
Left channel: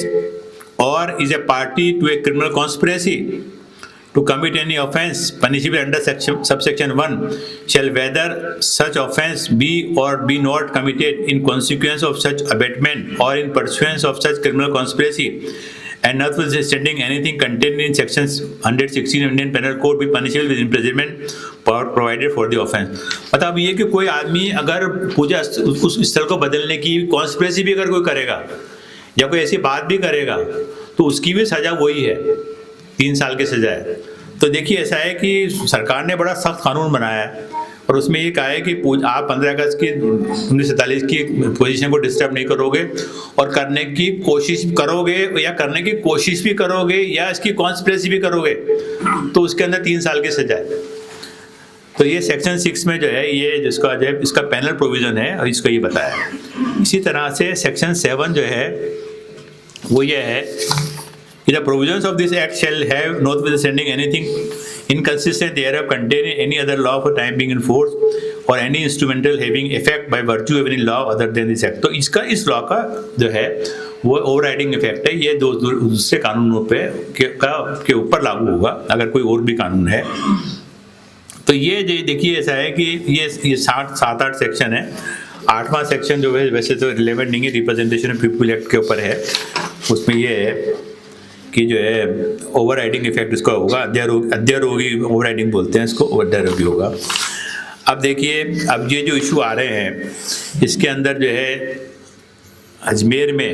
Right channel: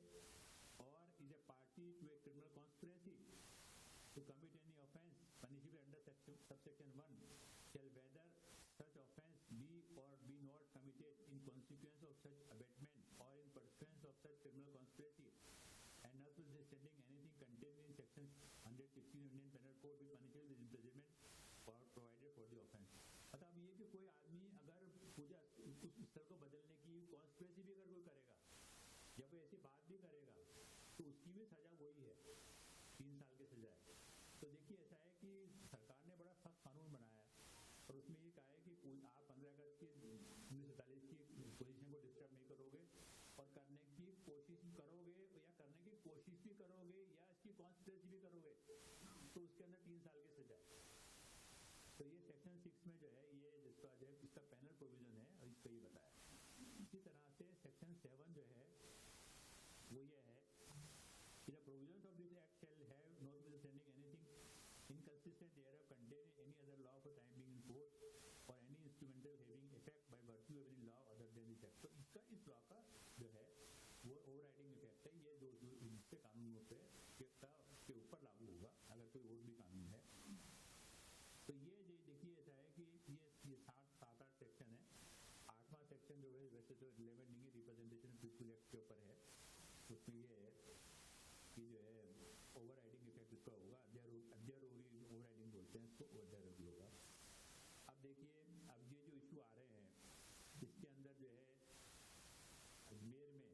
or is a party to a criminal conspiracy to commit any offence punishable under subsection 1 shall whether such offence be or be not committed in consequence of such abatement or in pursuance of such criminal conspiracy and notwithstanding anything contained in sections 116 Indian Penal Code be punishable with imprisonment provided for the offence। मतलब ये कि कोई आदमी अगर पूजा उस स्थल को बदलने की कॉन्स्पिरेसी भी अगर कोई करेगा या कोई ऐसी बात भी करेगा तो उसकी भी सजा वही है, 3 साल की सजा है। तो देखिए ऐसा है कि सरकार ने बड़ा सख्त कानून बनाया है और उसमें ये कहा है कि आप 15 अगस्त की 1947 की पोजीशन को डिस्टर्ब नहीं करोगे, और करने की कोशिश करोगे या करने की कोशिश भी करोगे या इसकी कॉन्स्पिरेसी भी करोगे तो उसके अंदर 3 साल की सजा है। तो ये सेक्शन 6 में जो है ये जिसका जो है इसका पैनल प्रोविजन है और इसको ये बताया है। इसी तरह से सेक्शन 7 जो है वो ये है कि the provisions of this act shall have notwithstanding anything inconsistent thereof contained in any other law for time being in force or any instrumental having effect by virtue of any law other than this act। तो इसका इस law का जो है वो overriding effect है, ये दूसरे कानूनों पे के ऊपर लागू होगा अगर कोई और भी कानून है। तो ये देखिए ऐसा है कि ये 7-8 सेक्शन है। 8वां सेक्शन जो है वैसे तो रिलेवेंट नहीं है, रिप्रेजेंटेशन ऑफ पीपल एक्ट के ऊपर है। उसमें ये है कि जो है ओवरराइडिंग इफेक्ट इसका होगा, अध्यारोगी ओवरराइडिंग बोलते हैं इसको, अध्यारोगी होगा। अब देखिए अब ये जो इशू आ रहे हैं इसके अंदर जो है अजमेर में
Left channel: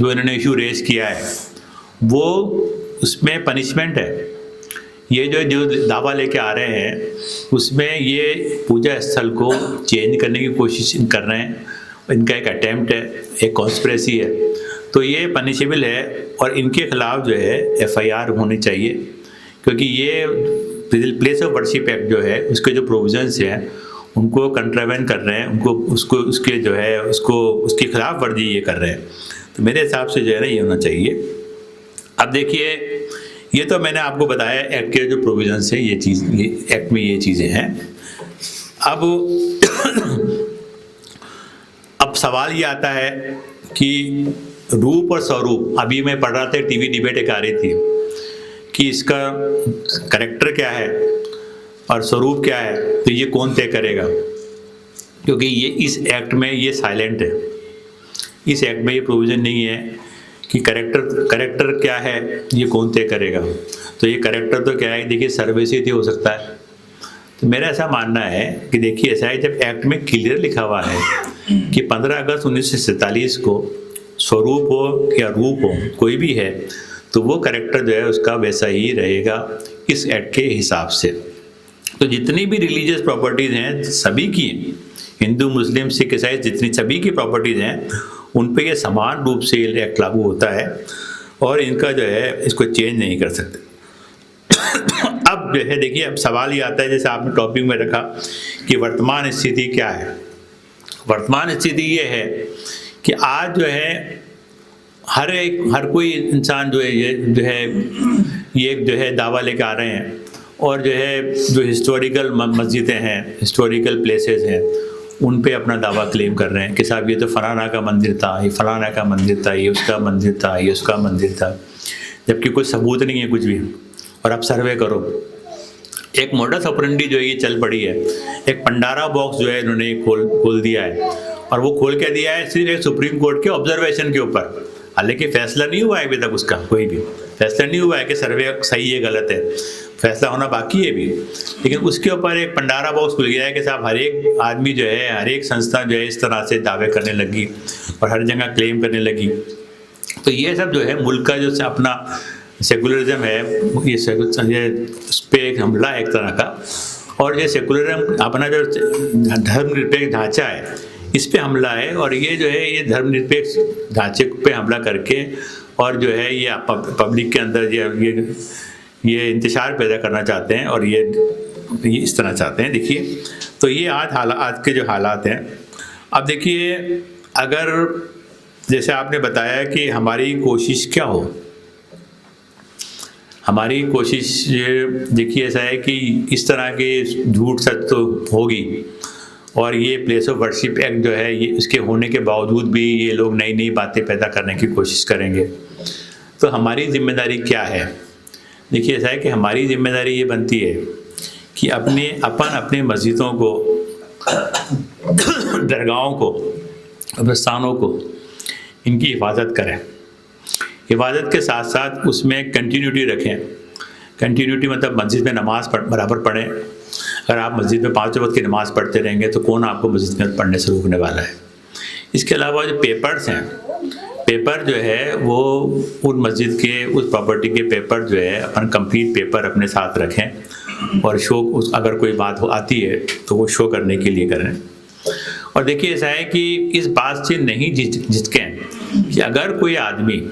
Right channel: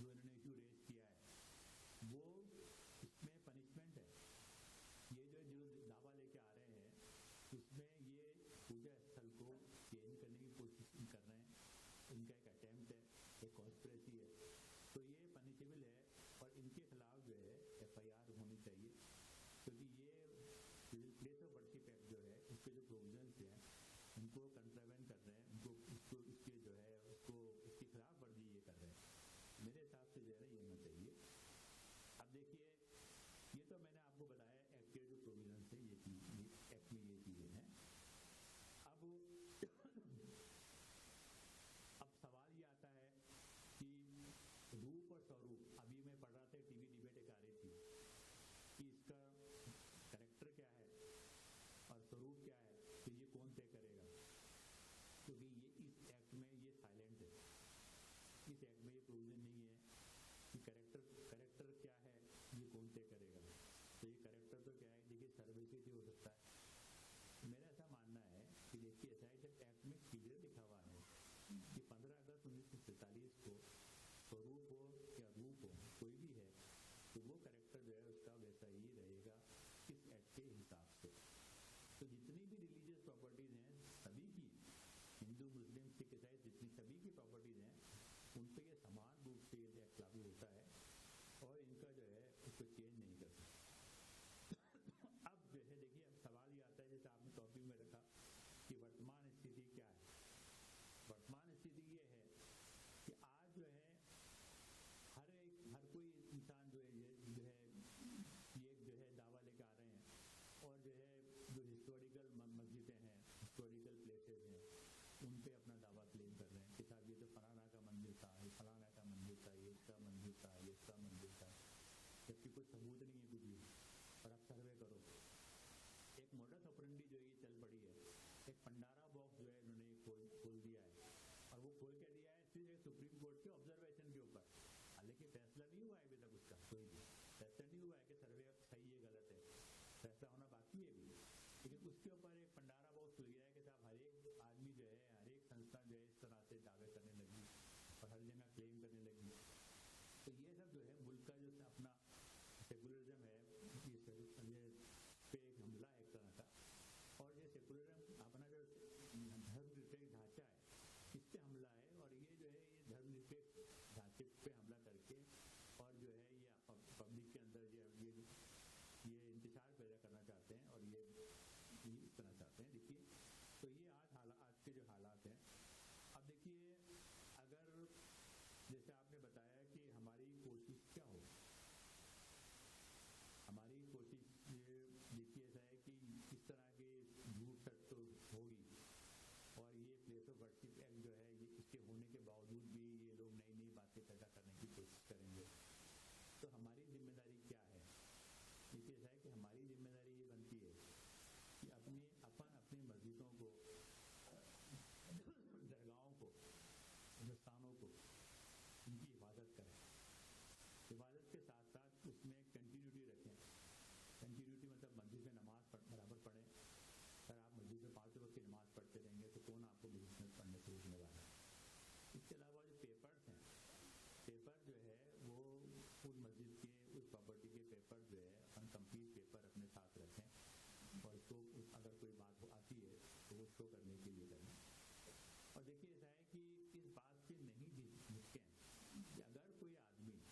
जो इन्होंने इशू रेज किया है वो उसमें पनिशमेंट है। ये जो दावा लेके आ रहे हैं उसमें ये पूजा स्थल को चेंज करने की कोशिश कर रहे हैं, इनका एक अटेम्प्ट है, एक कॉन्स्पिरेसी है, तो ये पनिशेबल है और इनके खिलाफ जो है एफआईआर होनी चाहिए, क्योंकि ये प्लेस ऑफ वर्शिप एक्ट जो है उसके जो प्रोविजंस हैं उनको कंट्रावेन कर रहे हैं, उनको उसके जो है उसके खिलाफ वर्जी ये कर रहे हैं। तो मेरे हिसाब से जो है ना ये होना चाहिए। अब देखिए ये तो मैंने आपको बताया एक्ट के जो प्रोविजंस है, ये एक्ट में ये चीज़ें हैं। अब सवाल ये आता है कि रूप और स्वरूप, अभी मैं पढ़ रहा था टीवी डिबेट एक आ रही थी कि इसका कैरेक्टर क्या है और स्वरूप क्या है, तो ये कौन तय करेगा, क्योंकि ये इस एक्ट में ये साइलेंट है। इस एक्ट में ये प्रोविज़न नहीं है कि कैरेक्टर क्या है ये कौन तय करेगा। तो ये कैरेक्टर तो क्या है, देखिए सर्वे से ही हो सकता है। तो मेरा ऐसा मानना है कि देखिए ऐसा है, जब एक्ट में क्लियर लिखा हुआ है कि 15 अगस्त 1947 को स्वरूप हो या रूप हो कोई भी है, तो वो कैरेक्टर जो है उसका वैसा ही रहेगा इस एक्ट के हिसाब से। तो जितनी भी रिलीजियस प्रॉपर्टीज़ हैं सभी की, हिंदू मुस्लिम सिख ईसाई जितनी सभी की प्रॉपर्टीज़ हैं उन पे ये समान रूप से एक्ट लागू होता है और इनका जो है इसको चेंज नहीं कर सकते। अब जो है देखिए अब सवाल ये आता है, जैसे आपने टॉपिक में रखा कि वर्तमान स्थिति क्या है। वर्तमान स्थिति ये है कि आज जो है हर कोई इंसान जो है ये जो है दावा लेके आ रहे हैं, और जो है जो हिस्टोरिकल मस्जिदें हैं, हिस्टोरिकल प्लेसेस हैं, उन पे अपना दावा क्लेम कर रहे हैं कि साहब ये तो फलाना का मंदिर था, ये फलाना का मंदिर था, ये उसका मंदिर था, ये उसका मंदिर था, जबकि कोई सबूत नहीं है कुछ भी। और आप सर्वे करो। एक मोडस ऑपरेंडी जो है ये चल पड़ी है, एक पंडारा बॉक्स जो है इन्होंने खोल दिया है, और वो खोल के दिया है सिर्फ एक सुप्रीम कोर्ट के ऑब्जर्वेशन के ऊपर। हालांकि फैसला नहीं हुआ है अभी तक, उसका कोई भी फैसला नहीं हुआ है कि सर्वे सही है गलत है, फैसला होना बाकी है भी। लेकिन उसके ऊपर एक पंडारा बॉक्स खुल गया है कि साहब हर एक आदमी जो है, हर एक संस्था जो है इस तरह से दावे करने लगी और हर जगह क्लेम करने लगी। तो ये सब जो है मुल्क का जो अपना सेकुलरिज्म है, ये उस पर एक हमला है एक तरह का। और ये सेकुलरिज्म अपना जो धर्मनिरपेक्ष ढांचा है इस पे हमला है, और ये जो है ये धर्मनिरपेक्ष ढांचे पे हमला करके और जो है ये पब्लिक के अंदर ये इंतशार पैदा करना चाहते हैं, और ये इस तरह चाहते हैं। देखिए, तो ये आज के जो हालात हैं, अब देखिए, अगर जैसे आपने बताया कि हमारी कोशिश क्या हो, हमारी कोशिश ये देखिए ऐसा है कि इस तरह के झूठ सच तो होगी, और ये प्लेस ऑफ वर्शिप एक्ट जो है ये इसके होने के बावजूद भी ये लोग नई नई बातें पैदा करने की कोशिश करेंगे। तो हमारी जिम्मेदारी क्या है? देखिए ऐसा है कि हमारी जिम्मेदारी ये बनती है कि अपने मस्जिदों को, दरगाहों को, कब्रिस्तानों को, इनकी हिफाजत करें। हिफाजत के साथ साथ उसमें कंटिन्यूटी रखें। कंटिन्यूटी मतलब मस्जिद में नमाज़ बराबर पढ़ें। अगर आप मस्जिद में 5 वक्त की नमाज़ पढ़ते रहेंगे तो कौन आपको मस्जिद में पढ़ने से रोकने वाला है। इसके अलावा जो पेपर्स हैं, पेपर जो है वो उन मस्जिद के, उस प्रॉपर्टी के पेपर जो है अपन कंप्लीट पेपर अपने साथ रखें, और शो अगर कोई बात आती है तो वो शो करने के लिए करें। और देखिए ऐसा है कि इस बात से नहीं झिझकें कि अगर कोई आदमी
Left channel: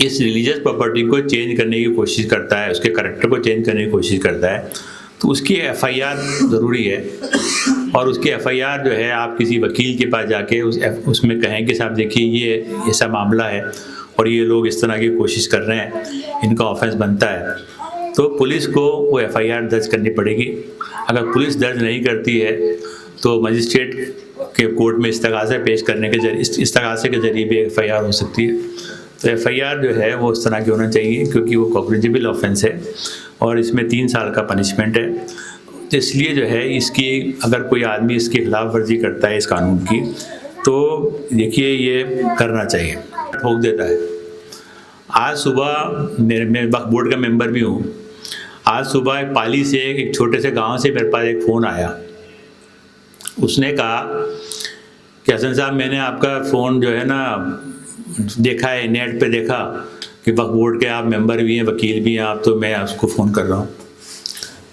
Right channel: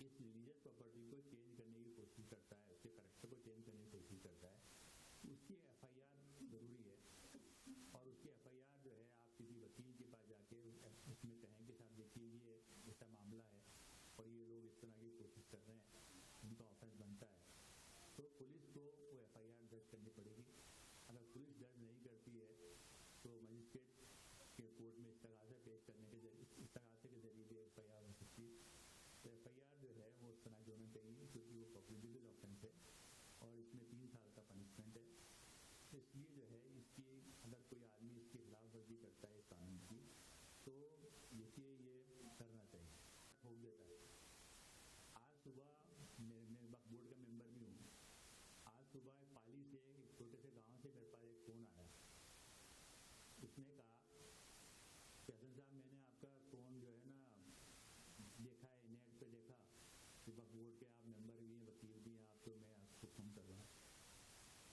इस रिलीजियस प्रॉपर्टी को चेंज करने की कोशिश करता है, उसके करैक्टर को चेंज करने की कोशिश करता है, तो उसकी एफआईआर ज़रूरी है। और उसकी एफआईआर जो है आप किसी वकील के पास जाके उसमें कहें कि साहब देखिए ये ऐसा मामला है और ये लोग इस तरह की कोशिश कर रहे हैं, इनका ऑफेंस बनता है, तो पुलिस को वो एफआईआर दर्ज करनी पड़ेगी। अगर पुलिस दर्ज नहीं करती है तो मजिस्ट्रेट के कोर्ट में इस्तगासा पेश करने के जरिए, इस्तगासे के जरिए भी एफआईआर हो सकती है। तो एफआईआर जो है वो इस तरह की होना चाहिए, क्योंकि वो कॉग्निजेबल ऑफेंस है और इसमें 3 साल का पनिशमेंट है। तो इसलिए जो है इसकी, अगर कोई आदमी इसकी खिलाफ वर्जी करता है इस कानून की, तो देखिए ये करना चाहिए, ठोक देता है। आज सुबह मैं वक्फ बोर्ड का मेंबर भी हूँ। आज सुबह एक पाली से, एक छोटे से गांव से मेरे पास एक फ़ोन आया। उसने कहा कि हसन साहब, मैंने आपका फ़ोन जो है ना देखा है, नेट पे देखा कि वक्फ बोर्ड के आप मेंबर भी हैं, वकील भी हैं आप, तो मैं उसको फ़ोन कर रहा हूँ।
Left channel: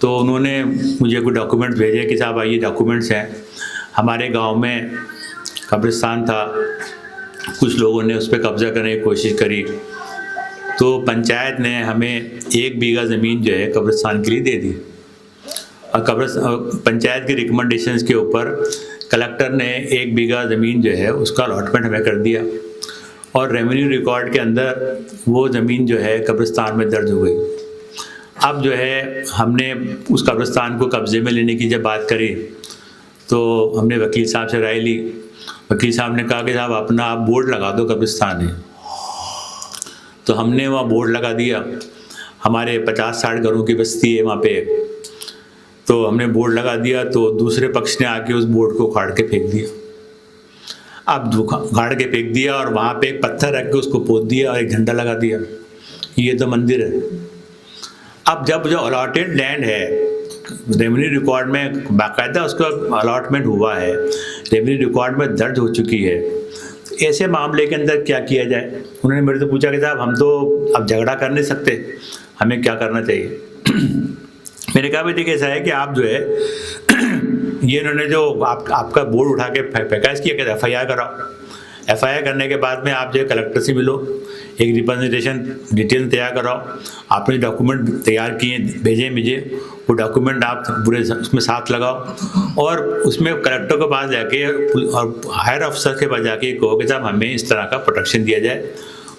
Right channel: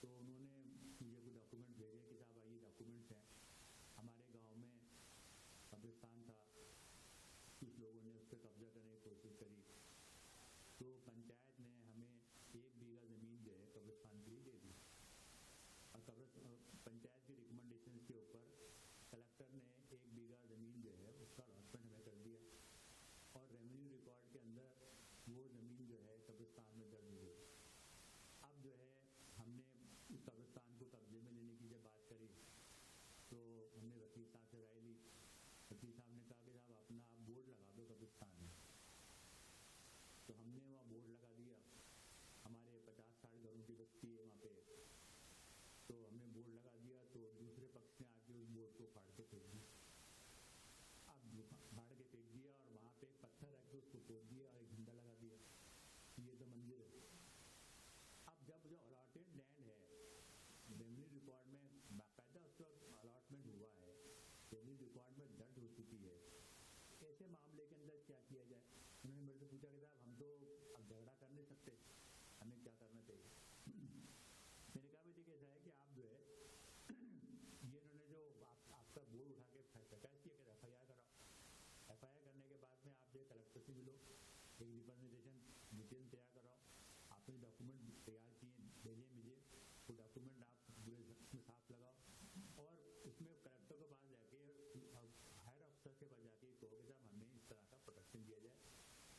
तो उन्होंने मुझे कुछ डॉक्यूमेंट भेजे कि साहब ये डॉक्यूमेंट्स हैं, हमारे गांव में कब्रिस्तान था, कुछ लोगों ने उस पर कब्ज़ा करने की कोशिश करी, तो पंचायत ने हमें 1 बीघा ज़मीन जो है कब्रिस्तान के लिए दे दी। और पंचायत के रिकमेंडेशंस के ऊपर कलेक्टर ने 1 बीघा ज़मीन जो है उसका अलॉटमेंट हमें कर दिया, और रेवेन्यू रिकॉर्ड के अंदर वो ज़मीन जो है कब्रिस्तान में दर्ज हो गई। अब जो है हमने उस कब्रिस्तान को कब्ज़े में लेने की जब बात करी तो हमने वकील साहब से राय ली। वकील साहब ने कहा कि साहब अपना आप बोर्ड लगा दो कब्रिस्तान में। तो हमने वहाँ बोर्ड लगा दिया। हमारे 50-60 घरों की बस्ती है वहाँ पे, तो हमने बोर्ड लगा दिया, तो दूसरे पक्ष ने आके उस बोर्ड को उखाड़ के फेंक दिया। अब उखाड़ के फेंक दिया और वहाँ पे एक पत्थर रख के उसको पोत दिया और एक झंडा लगा दिया, ये तो मंदिर है। अब जब जो अलॉटेड लैंड है, रेवेन्यू रिकॉर्ड में बाकायदा उसका अलॉटमेंट हुआ है, रेवेन्यू रिकॉर्ड में दर्ज हो चुकी है, तो ऐसे मामले के अंदर क्या किया जाए? उन्होंने मेरे से पूछा कि साहब हम तो अब झगड़ा कर नहीं सकते, हमें क्या करना चाहिए? मैंने कहा भाई देखिए ऐसा है कि आप जो है ये इन्होंने जो आपका बोर्ड उठा के फेंका, इसकी एक एफआईआर कराओ। एफआईआर करने के बाद में आप जो है कलेक्टर से मिलो, एक रिप्रेजेंटेशन डिटेल तैयार कराओ। आपने डॉक्यूमेंट तैयार किए भेजे मुझे, वो डॉक्यूमेंट आप पूरे उसमें साथ लगाओ, और उसमें कलेक्टर के पास जाके और हायर अफसर के पास जाके कहो कि साहब हमें इस तरह का प्रोटेक्शन दिया जाए,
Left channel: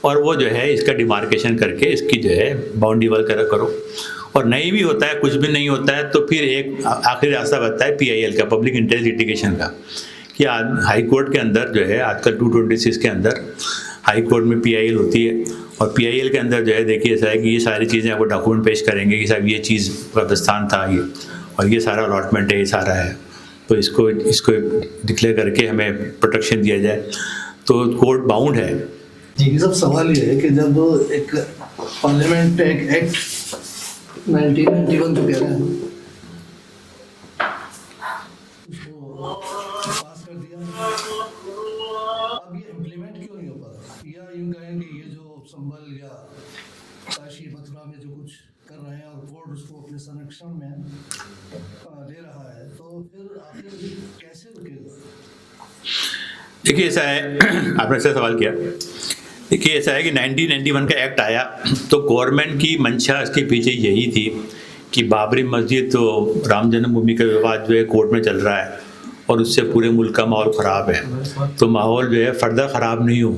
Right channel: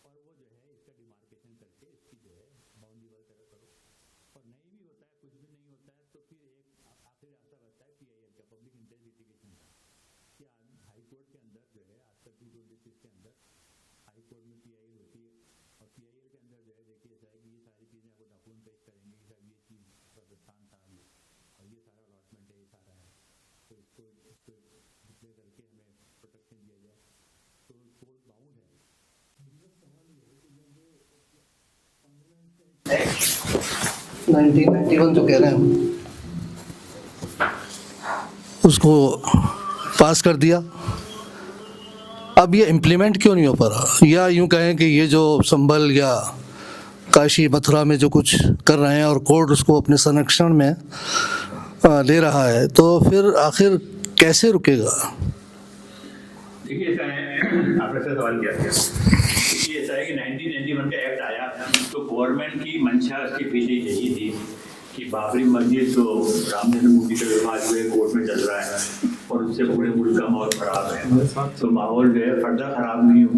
और वो जो है इसका डिमार्केशन करके इसकी जो है बाउंड्री वॉल करो। और नहीं भी होता है, कुछ भी नहीं होता है, तो फिर एक आखिरी रास्ता बचता है PIL का, पब्लिक इंटरेस्ट लिटिगेशन का, कि हाई कोर्ट के अंदर जो है आजकल 226 के अंदर हाई कोर्ट में PIL होती है, और PIL के अंदर जो है देखिए ऐसा है कि ये सारी चीज़ें आपको डॉक्यूमेंट पेश करेंगे कि साहब ये चीज़ कब्रिस्तान था ये, और ये सारा अलॉटमेंट है, ये सारा है, तो इसको डिक्लेयर करके हमें प्रोटेक्शन दिया जाए, तो कोर्ट बाउंड है। ये सब सवाल ये है कि जब एक पार्लियामेंट एक एक्ट 1991 तो कह रहे हैं उसको पास कर दिया, अब ये इम्प्लीमेंट क्यों नहीं हो पा रहा? या यूं कहें कि ये जो संभल या काशी मथुरा में जो कुछ कर रहे हैं और कोर्ट उसको अपने संरक्षण में ले रहा है, तो फिर आखिर कैसे रुकेगा? देखिए ऐसा है, आपने ऐसा सवाल किया। देखिए ऐसा है कि 1991 का एक्ट आया तो गवर्नमेंट की मंशा इसके पीछे यही थी कि बाबरी मस्जिद तो राम जन्मभूमि का विवाद जो है कोर्ट में चल रहा है और उससे पूरे मुल्क का माहौल ख़राब है, तो माहौल जो है फर्दर ख़राब नहीं हो,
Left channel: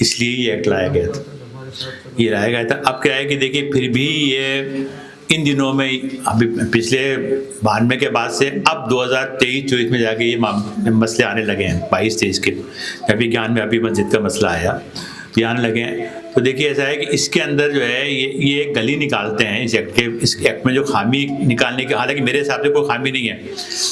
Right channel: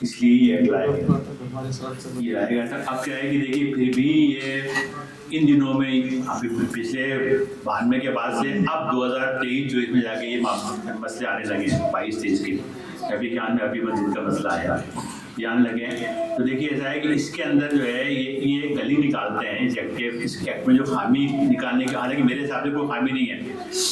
इसलिए ये एक्ट लाया गया था। ये लाया गया था। अब क्या है कि देखिए फिर भी ये इन दिनों में अभी पिछले 92 के बाद से अब 2023-24 में जाके ये मसले आने लगे हैं, 22-23 के अभी ज्ञान में अभी मस्जिद का मसला आया, ये आने लगे हैं। तो देखिए ऐसा है कि इसके अंदर जो है ये गली निकालते हैं इस एक्ट में जो खामी निकालने की, हालांकि मेरे हिसाब से कोई खामी नहीं है,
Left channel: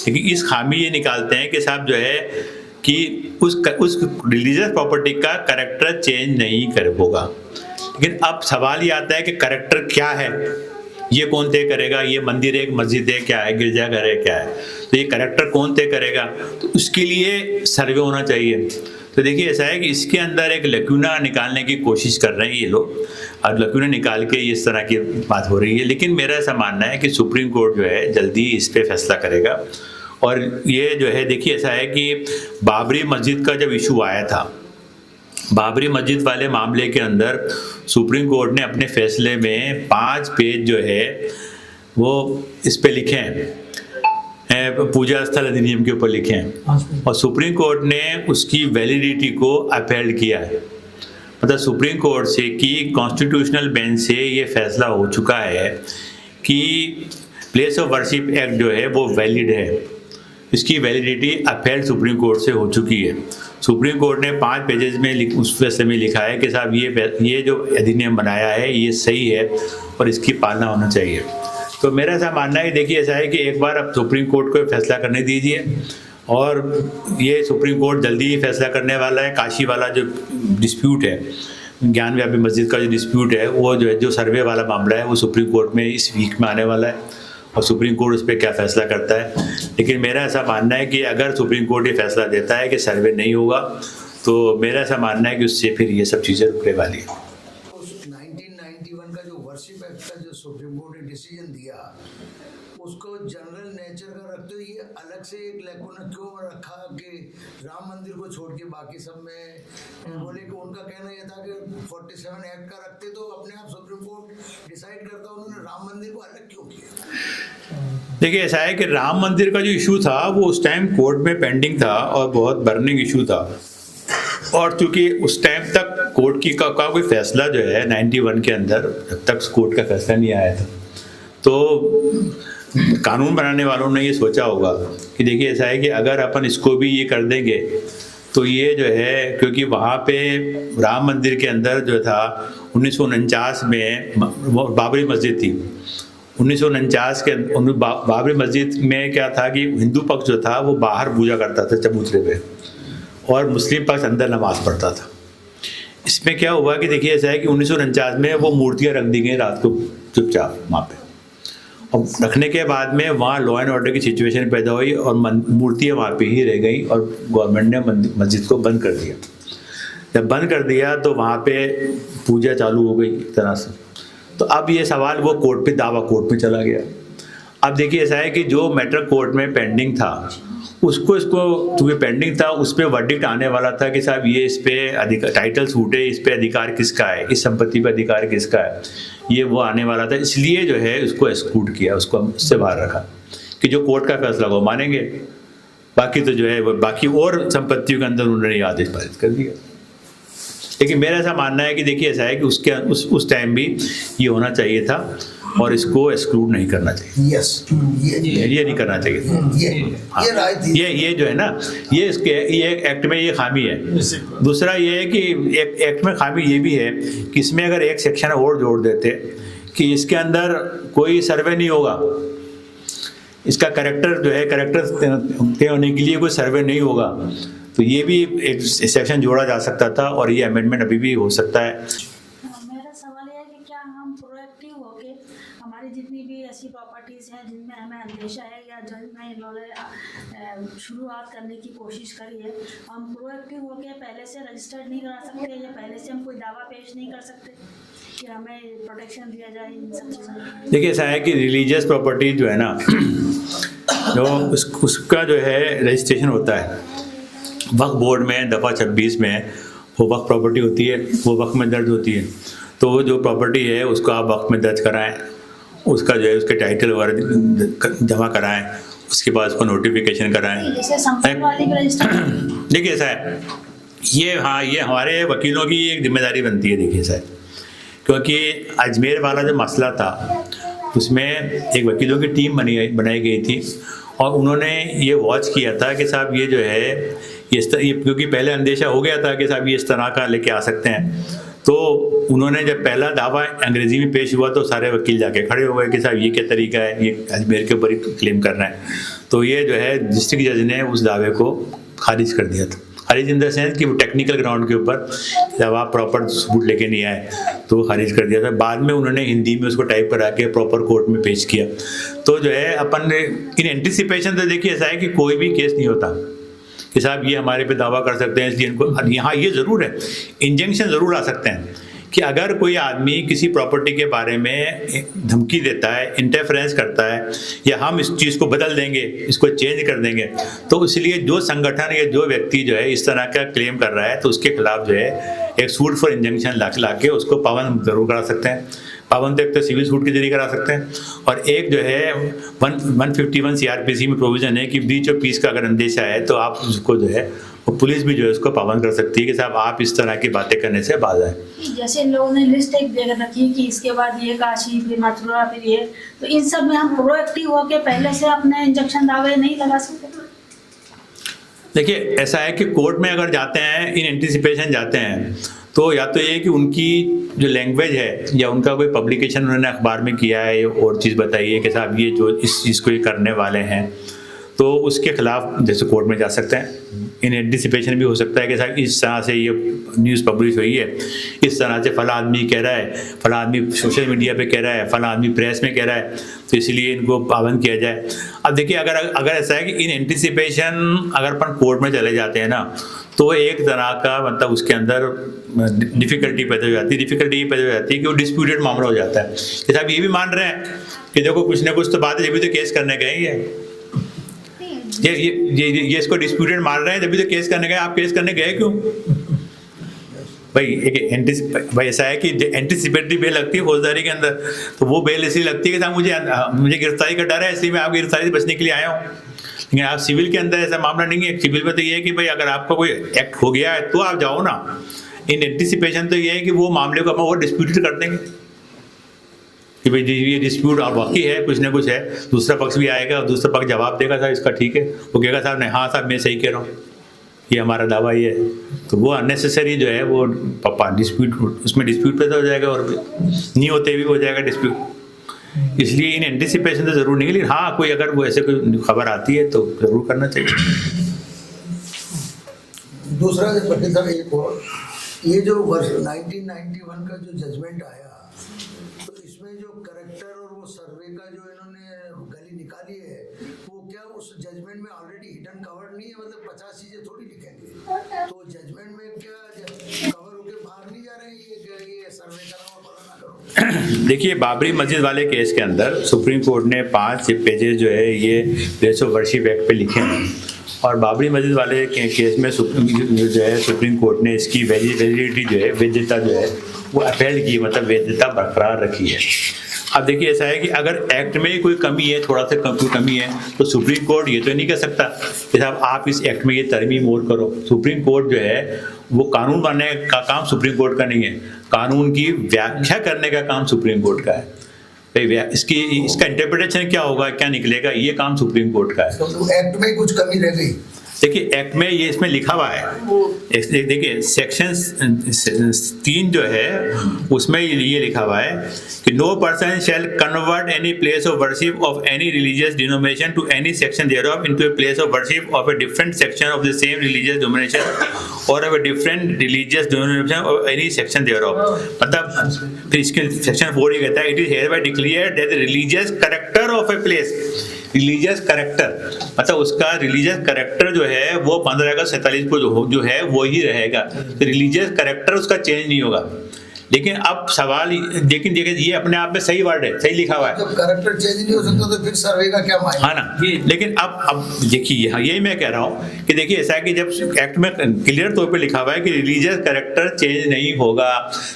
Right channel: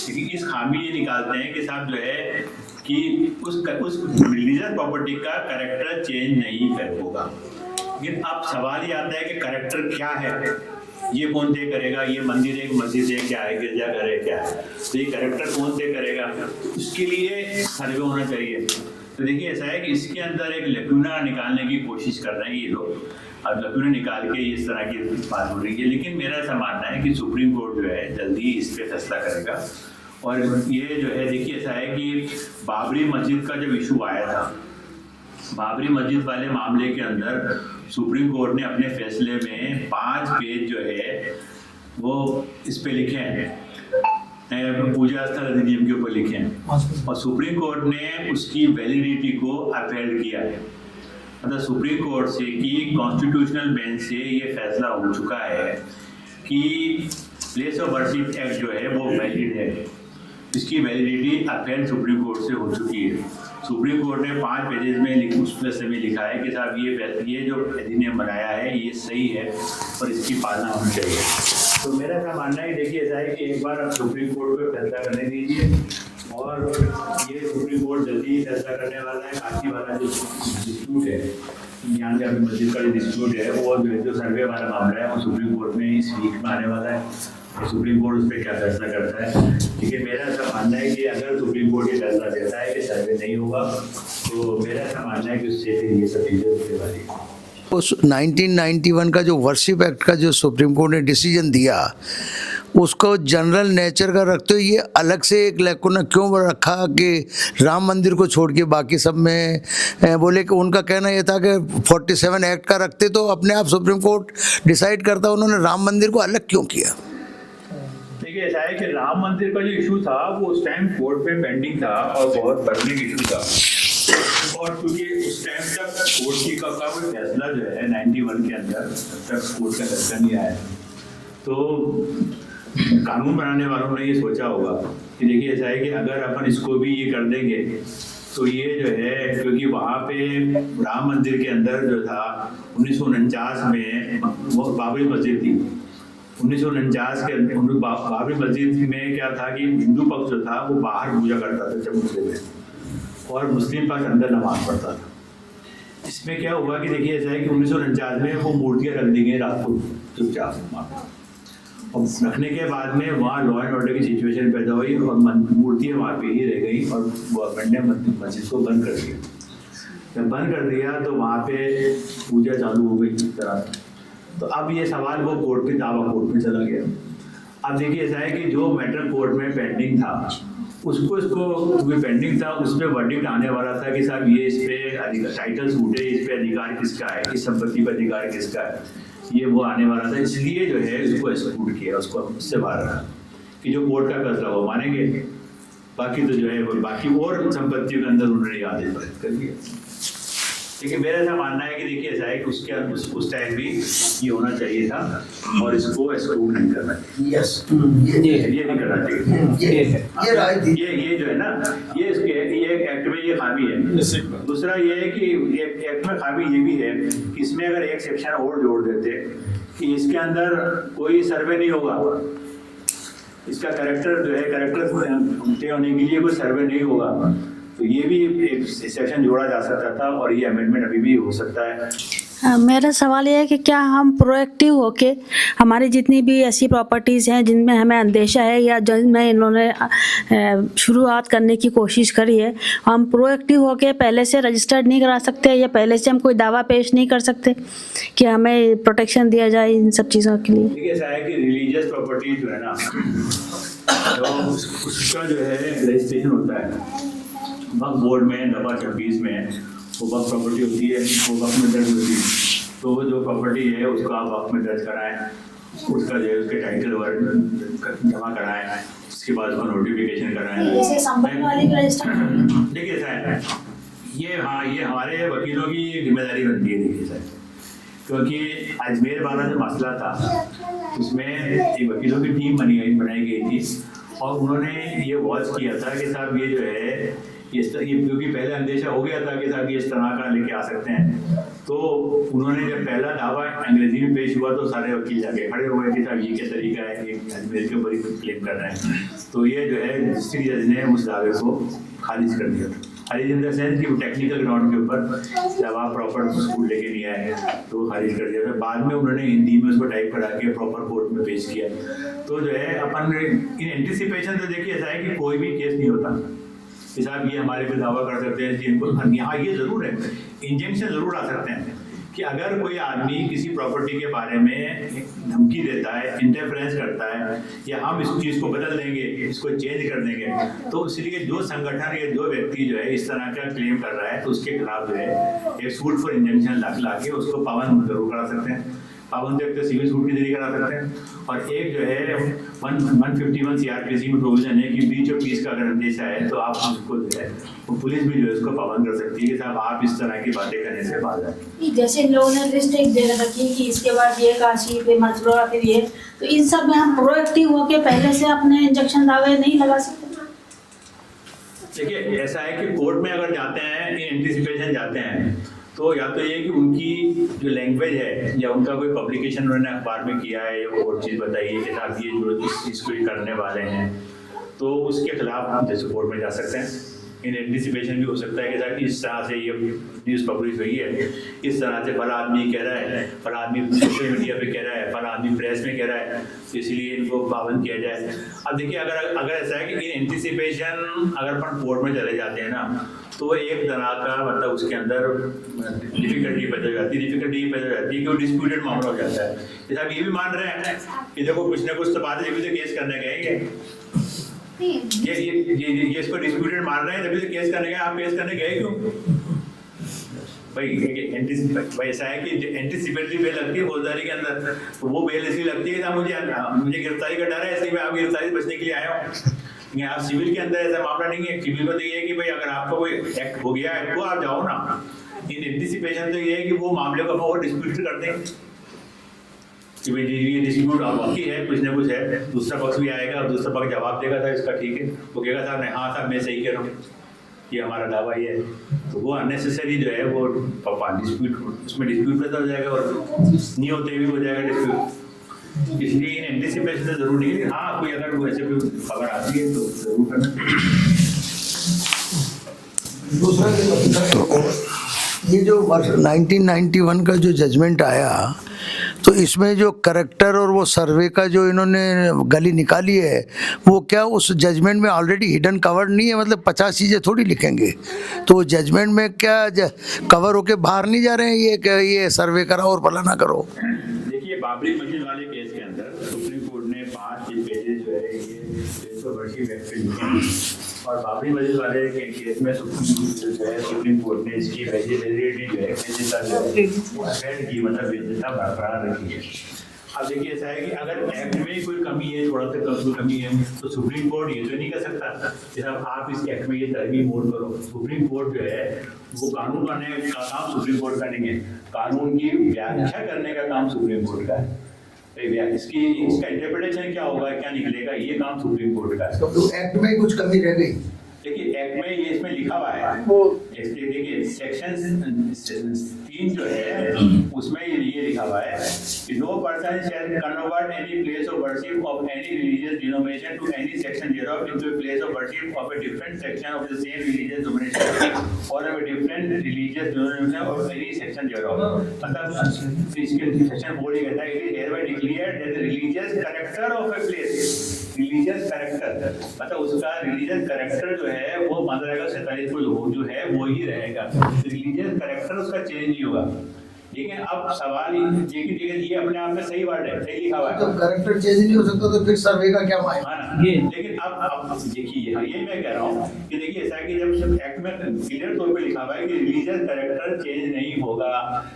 लेकिन इस खामी ये निकालते हैं कि साहब जो है कि उस रिलीजियस प्रॉपर्टी का कैरेक्टर चेंज नहीं कर होगा। लेकिन अब सवाल ये आता है कि कैरेक्टर क्या है, ये कौन तय करेगा? ये मंदिर है, मस्जिद है, क्या है, गिरजाघर है, क्या है? तो ये कैरेक्टर कौन तय करेगा? तो उसके लिए सर्वे होना चाहिए। तो देखिए ऐसा है कि इसके अंदर एक लैक्यूना निकालने की कोशिश कर रहे हैं ये लोग, और लैक्यूना निकाल के इस तरह की बात हो रही है। लेकिन मेरा ऐसा मानना है कि सुप्रीम कोर्ट जो है जल्दी इस पे फैसला करेगा। और ये जो है देखिए ऐसा है कि बाबरी मस्जिद का जब इशू आया था, बाबरी मस्जिद वाले मामले के अंदर सुप्रीम कोर्ट ने अपने फैसले में 5 पेज जो है वो इस पे लिखे हैं, पूजा स्थल अधिनियम के ऊपर लिखे हैं, और सुप्रीम कोर्ट ने उसकी वैलिडिटी को अपहेल्ड किया है। मतलब सुप्रीम कोर्ट से कि कॉन्स्टिट्यूशनल बेंच से ये फैसला हो चुका है कि प्लेस ऑफ वर्शिप एक्ट जो है वो वैलिड है, इसकी वैलिडिटी अपहेल्ड सुप्रीम कोर्ट से हो चुकी है। सुप्रीम कोर्ट ने 5 पेजेस में उस फैसले में लिखा है कि साहब ये जो अधिनियम बनाया है ये सही है और इसकी पालना होना चाहिए। तो मेरा ऐसा मानना है कि देखिए ऐसा है कि एक बार अब सुप्रीम कोर्ट को फैसला करने दीजिए, और ये सुप्रीम कोर्ट जल्दी ही फैसला करने वाला है। काशी वाला जो डिस्प्यूट है, ज्ञान व्यापी मस्जिद का जो डिस्प्यूट है, वो जो सर्वे वाला मामला है वो सुप्रीम कोर्ट में इस वीक में आने वाला है, और सुप्रीम कोर्ट उस पर क्या फैसला करता है। लेकिन मेरा ऐसा मानना है कि अगर सुप्रीम कोर्ट ये फैसला देता है कि सर्वे नहीं होगा, तो मेरा ऐसा मानना है कि उससे फिर ये सब चीज़ें रुकने वाली है। उस 1991 का जो वर्शिप एक्ट का जो सुप्रीम कोर्ट ने डिसीजन दिया, उसको जनरल नेचर का रखते हुए ये अलग से एक लैकुना क्यों रखा कि राम मंदिर को छोड़ के बाकी सब में बोले कि उनका कहना ये था कि 47 एक्ट का रखते तो अपने आप सुप्रीम कोर्ट डिसाइड करता, उन्होंने राम मंदिर को अलग क्यों किया? देखिए ऐसा है कि राम मंदिर का जो इशू था वो उस टाइम कोर्ट में पेंडिंग था और बहुत बर्निंग इशू था, और चूंकि उस टाइम तक कोर्ट का कोई फैसला जो है 91 के अंदर जब तक कोर्ट का फैसला नहीं आया था, तो कानून बनाने वालों ने ये सोचा होगा कि देखिए ऐसा है कि अगर अपन इसको भी ये कर देंगे तो ये जो है, क्योंकि वहाँ पे राम मंदिर के अंदर जो था 1949 में बाबरी मस्जिद थी, 1949 के बाबरी मस्जिद में क्या था कि हिंदू पक्ष जो था वो बाहर पूजा करता था चबूतरे पे, और मुस्लिम पक्ष अंदर नमाज पढ़ता था। इसमें क्या हुआ कि देखिए ऐसा है कि 1949 में वो मूर्तियाँ रख दी गई रात को चुपचाप वहाँ पे, और रखने के बाद में वहाँ लॉ एंड ऑर्डर की सिचुएशन पैदा हुई और मूर्तियाँ वहाँ पे ही रह गई, और गवर्नमेंट ने मस्जिद को बंद कर दिया। जब बंद कर दिया तो वहाँ पे पूजा चालू हो गई एक तरह से। तो अब ये सवाल वो कोर्ट पे, दावा कोर्ट में चला गया। अब देखिए ऐसा है कि जो मैटर कोर्ट में पेंडिंग था उसको चूँकि पेंडिंग था, उस पर वर्डिक्ट आने वाला था कि साहब ये इस पे टाइटल सूट है, इस पे अधिकार किसका है, इस संपत्ति पे अधिकार किसका है, ये वो आने वाला था। इसलिए जो है उसको एक्सक्लूड किया, उसको उससे बाहर रखा कि जो कोर्ट का फैसला वो मानेंगे, बाकी तो जो है वो बाकी और संपत्तियों के अंदर उन्होंने आदेश पारित कर दिया। लेकिन मेरा ऐसा मानना है कि देखिए ऐसा है कि उस टाइम भी ये होना चाहिए था और इसको एक्सक्लूड नहीं करना चाहिए। यस, ये नहीं करना चाहिए। ये राय थी। ये जो है ना, ये एक्ट में ये खामी है। दूसरा ये है कि एक्ट में खामी ये भी है कि इसमें अगर एक सेक्शन और जोड़ देते कि इसके अंदर कोई सर्वे नहीं होगा, इसका कैरेक्टर जो है कैरेक्टर तय होने के लिए कोई सर्वे नहीं होगा, तो ये भी एक सेक्शन जोड़ा जा सकता था और ये अमेंडमेंट अभी भी हो सकता है। मेरा सवाल ये है कि क्या हम प्रोएक्टिव होके हमारी जितनी भी ऐसी प्रॉपर्टीज़ हैं जिनमें हमें अंदेशा है या जिनमें इन्होंने शुरुआत करने की कोशिश करी है, हम प्रोएक्टिव होके पहले से रजिस्टर्ड नहीं करा सकते या पहले से हम कोई दावा पेश नहीं कर सकते कि हमें प्रोटेक्शन दिया जाए इन सब चीज़ों के लिए? देखिए ऐसा है कि रिलीजियस प्रॉपर्टी जो है ना, जो उसका जो है रजिस्ट्रेशन होता है वक्फ बोर्ड में दफ़ा 26 में, वो वक्फ प्रॉपर्टी होती है, वो वक्फ में दर्ज होती है। तो जो प्रॉपर्टी है उसको आप वक्फ में दर्ज कराएं, उसका जो है उसके टाइटल वगैरह जमा कराएं, उसके बाद उसको नोटिफिकेशन कराएं। देखिए ऐसा है, ये हमारे वकीलों की एक जिम्मेदारी बनती है। देखिए ऐसा है, क्योंकि अजमेर वाला जो मसला था उसमें एक वकीलों की टीम बनाई गई थी और उन्होंने ये वॉच किया था कि साहब ये जो है क्योंकि पहले अंदेशा हो गया था कि साहब ये इस तरह का लेके आ सकते हैं, तो उन्होंने जब पहला दावा अंग्रेजी में पेश हुआ तो सारे वकील जाके खड़े हो गए कि साहब ये क्या तरीका है, ये अजमेर के ऊपर ही क्लेम कर रहे हैं। तो ये जो है डिस्ट्रिक्ट जज ने उस दावे को खारिज कर दिया था। खारिज इन द सेंस कि टेक्निकल ग्राउंड के ऊपर जब आप प्रॉपर सबूत लेके नहीं आए तो खारिज कर दिया था। बाद में उन्होंने हिंदी में उसको टाइप करा के प्रॉपर कोर्ट में पेश किया। तो जो है अपन इन एंटिसिपेशन तो देखिए ऐसा है कि कोई भी केस नहीं होता कि साहब ये हमारे पे दावा कर सकते हैं, इसलिए इनको यहाँ ये ज़रूर है, इंजंक्शन ज़रूर आ सकते हैं कि अगर कोई आदमी किसी प्रॉपर्टी के बारे में धमकी देता है, इंटरफेरेंस करता है या हम इस चीज़ को बदल देंगे, इसको चेंज कर देंगे, तो इसलिए जो संगठन या जो व्यक्ति जो है इस तरह का क्लेम कर रहा है तो उसके खिलाफ जो है एक सूट फॉर इंजंक्शन ला के उसको पाबंद जरूर करा सकते हैं। पाबंद एक तो सिविल सूट के जरिए करा सकते हैं और एक जो है 151 CRPC में प्रोविजन है कि ब्रीच ऑफ पीस का अगर अंदेशा है तो आप उसको जो है वो पुलिस भी जो है उसको पाबंद कर सकती है कि साहब आप इस तरह की बातें करने से बाज आए। जैसे इन लोगों ने लिस्ट एक दे रखी कि इसके बाद ये काशी फिर मथुरा फिर ये, तो इन सब में हम प्रोएक्टिव होके पहले से अपने इंजेक्शन दावे नहीं लगा सकते? देखिए ऐसा है कि कोर्ट में अगर जाते हैं, इन एंटिसिपेशन जाते हैं, तो या तो ये कि उनकी जो लैंग्वेज है या उनका कोई पब्लिकेशन उन्होंने अखबार में किया है और चीज़ बताइए कि साहब ये जो इस चीज़ को ये करने वाले हैं, तो उसके खिलाफ जैसे कोर्ट में जा सकते हैं। इन एंटिसिपेशन भी हो सकता है कि साहब इस तरह से ये न्यूज़ पब्लिश हुई है, इस तरह से फला आदमी कह रहा है, फला आदमी सोशल मीडिया पे कह रहा है, फला आदमी प्रेस में कह रहा है, तो इसलिए इनको पाबंद किया जाए। अब देखिए अगर ऐसा है कि इन एंटिसिपेशन अगर अपन कोर्ट में चले जाते हैं ना, तो एक तरह का मतलब उसके अंदर डिफ़िकल्टी पैदा हो जाती है कि वो डिस्प्यूटेड मामला हो जाता है कि साहब ये भी मान रहे हैं कि देखो कुछ ना कुछ तो बात है, जब भी तो केस करने गए ये इसको डिस्प्यूटेड मान रहे हैं, जब भी तो केस करने गए, आप केस करने गए क्यों? भाई ऐसा है कि एंटिसिपेटरी बेल लगती है फौजदारी के अंदर, तो वो बेल इसलिए लगती है कि साहब मुझे गिरफ्तारी का डर है, इसलिए मैं आपकी गिरफ्तारी से बचने के लिए आया हूँ। लेकिन आप सिविल के अंदर ऐसा मामला नहीं है। सिविल में तो ये है कि भाई अगर आपका कोई एक्ट हो गया है तो आप जाओ ना। इन एंटिसिपेशन तो ये है कि वो मामले को हम और डिस्प्यूटेड कर देंगे कि भाई ये डिस्प्यूट वाकई है, कुछ ना कुछ है, दूसरा पक्ष भी आएगा और दूसरा पक्ष जवाब देगा साहब इसका ठीक है, वो कहेगा साहब नहीं, हाँ साहब मैं सही कह रहा हूँ, ये हमारा दावा ये है। तो वो अननेसेसरी जो है वो डिस्प्यूट, उसमें डिस्प्यूट पैदा हो जाएगा और नहीं होते भी हो जाएगा डिस्प्यूट। इसलिए इन एंटिसिपेशन तो जरूर नहीं, लेकिन हाँ कोई अगर वो ऐसे कोई खबर आती है तो जरूर करना चाहिए। दूसरा ये जो 1991 का जो जजमेंट आया, तो इसमें जो करेक्टर और वो सर्वे का जो इन्होंने गली निकाली है, वो क्या उस जजमेंट में ऑलरेडी हिडन कवर नहीं है? मतलब 50 चीज़ें थोड़ी लिखेंगे, तो वो जजमेंट में क्या कवर होके बाहर नहीं जा रहे हैं ये सर्वे करो और भला ना करो? देखिए बाबरी मस्जिद वाले केस के अंदर सुप्रीम कोर्ट ने 5 पेजेस जो है ये प्लेस ऑफ वर्शिप एक्ट पे लिखे हैं और बाबरी मस्जिद वाले केस में जो है सुप्रीम कोर्ट ने इसकी वैलिडिटी जो है, वैधता जो है वो अपील की, मतलब वैधता बरकरार रखी है। अब देखिए ऐसा है कि अगर एक्ट में कोई कमी है, थोड़ा सा कोई कमी है, तो सुप्रीम कोर्ट ये तो नहीं कह सकता कि साहब आप इस एक्ट में ये तरमीम और करो। सुप्रीम कोर्ट जो है वो कानून बनाने का काम सुप्रीम कोर्ट का नहीं है, कानून की व्याख्या करने का काम सुप्रीम कोर्ट का है। इसका इंटरप्रिटेशन क्या होगा, क्या निकलेगा, ये काम सुप्रीम कोर्ट का है। तो एक्ट में कुछ कमी रह गई। देखिए एक्ट में ये इसमें लिखा हुआ है, देखिए सेक्शन 3 जो है उसमें ये लिखा हुआ है कि no person shall convert any place of worship of any religious denomination to any section thereof into a place of worship of a different section of the same religious denomination और of a different religious denomination of any section thereof. मतलब फिर इसके section 4 ही कहता है it is hereby declared that the religious character of a place, religious character मतलब उसका religious character जो है वो 15 अगस्त 47 को जो है वो ही रहेगा, रिलीजियस कैरेक्टर उसका चेंज नहीं होगा। लेकिन अब सवाल लेकिन देखिए ये अपने आप में सही वर्ड है, सही लिखा हुआ है। जब कैरेक्टर चेंज नहीं हो सकता तो फिर सर्वे का क्या मायने? हाँ ना, लेकिन अब देखिए हाँ यही मैं कह रहा हूँ कि देखिए ऐसा है कि जब एक्ट में क्लियर तौर पे लिखा हुआ है कि रिलीजियस कैरेक्टर चेंज नहीं होगा,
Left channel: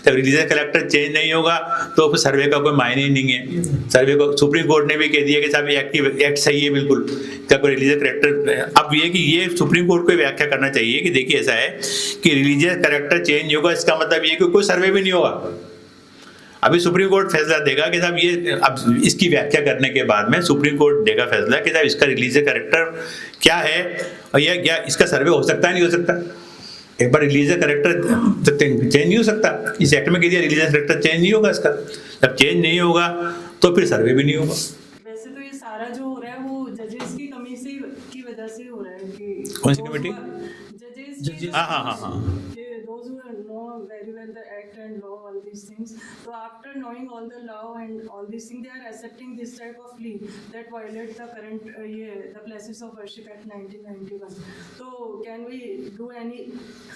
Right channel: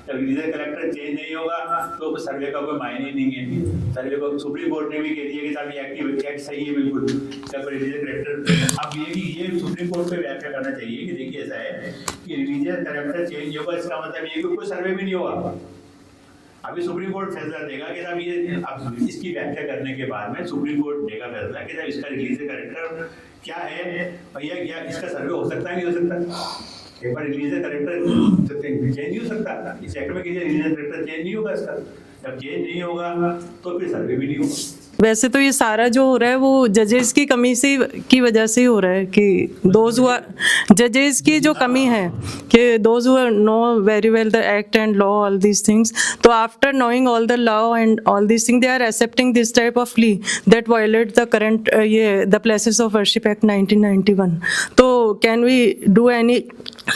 जब रिलीजियस कैरेक्टर चेंज नहीं होगा तो फिर सर्वे का कोई मायने ही नहीं है। सर्वे को सुप्रीम कोर्ट ने भी कह दिया कि साहब एक्ट सही है बिल्कुल, इसका कोई रिलीजियस कैरेक्टर। अब ये कि ये सुप्रीम कोर्ट को व्याख्या करना चाहिए कि देखिए ऐसा है कि रिलीजियस कैरेक्टर चेंज नहीं होगा, इसका मतलब ये कि कोई सर्वे भी नहीं होगा। अभी सुप्रीम कोर्ट फैसला देगा कि साहब ये, अब इसकी व्याख्या करने के बाद में सुप्रीम कोर्ट देगा फैसला कि साहब इसका रिलीजियस कैरेक्टर क्या है और यह क्या इसका सर्वे हो सकता है नहीं हो सकता। एक बार रिलीजियस कैरेक्टर चेंज नहीं हो सकता, इस एक्ट में कह दिया रिलीजियस कैरेक्टर चेंज नहीं होगा, इसका जब चेंज नहीं होगा तो फिर सर्वे भी नहीं होगा। वैसे तो ये सारा जो हो रहा है वो जजेस की कमी से की वजह से ही हो रहा है कि दोज हु जजेस की जो कमी है कि those who know very well the act and law all these things, तो after knowing all the law and all these things they are accepting this type of plea that violate the current ये the places of worship act 1991। तो can we do any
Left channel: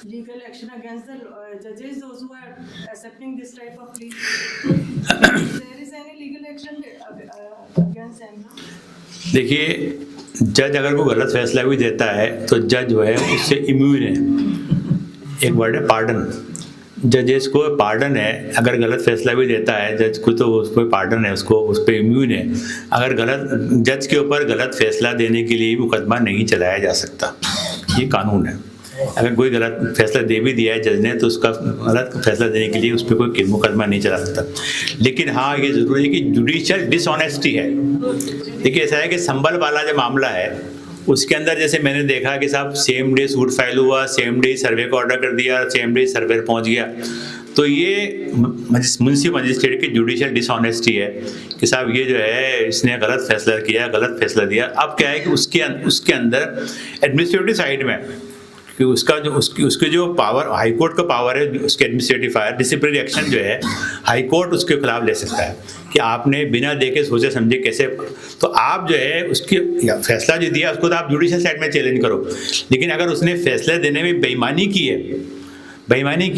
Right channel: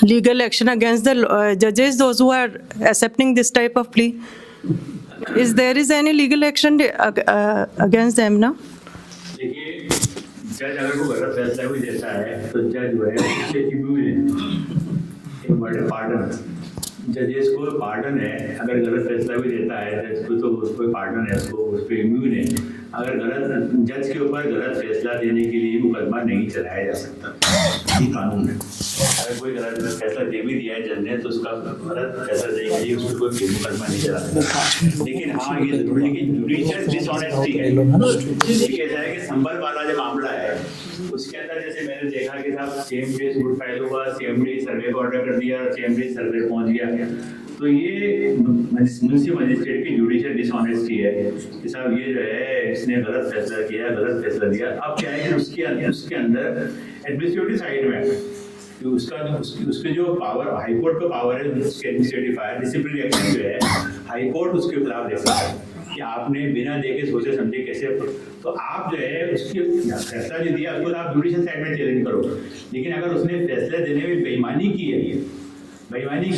legal action against the judges, those who are accepting this type of plea? Is any legal action against them now? देखिए जज अगर कोई गलत फैसला भी देता है तो जज जो है उससे इम्यून है। एक वर्ड है पार्डन, जजेस को पार्डन है, अगर गलत फैसला भी देता है जज को तो उसको पार्डन है, उसको उस पर इम्यून है। अगर गलत जज के ऊपर गलत फैसला देने के लिए मुकदमा नहीं चलाया जा सकता, ये कानून है। अगर कोई गलत फैसला दे भी दिया है जज ने तो उसका गलत फैसला देने के लिए उस पर कोई मुकदमा नहीं चला सकता। लेकिन हाँ ये जरूरी है कि जुडिशियल डिसऑनेस्टी है। देखिए ऐसा है कि संभल वाला जो मामला है उसके अंदर जैसे मैंने देखा कि साहब सेम डे सूट फाइल हुआ, सेम डे सर्वे का ऑर्डर कर दिया, सेम डे सर्वे पहुंच गया, तो ये मुंसिपल मजिस्ट्रेट की जुडिशियल डिसऑनेस्टी है कि साहब ये जो है इसने गलत फैसला किया, गलत फैसला दिया। अब क्या है कि उसके अंदर एडमिनिस्ट्रेटिव साइड में कि उसके जो पावर हाई कोर्ट का पावर है, उसके एडमिनिस्ट्रेटिव फायर डिसिप्लिनरी एक्शन जो है हाई कोर्ट उसके खिलाफ ले सकता है कि आपने बिना देखे सोचे समझे कैसे, तो आप जो है उसकी फैसला जो दिया उसको तो आप जुडिशियल साइड में चैलेंज करो। लेकिन अगर उसने फैसले देने में बेईमानी की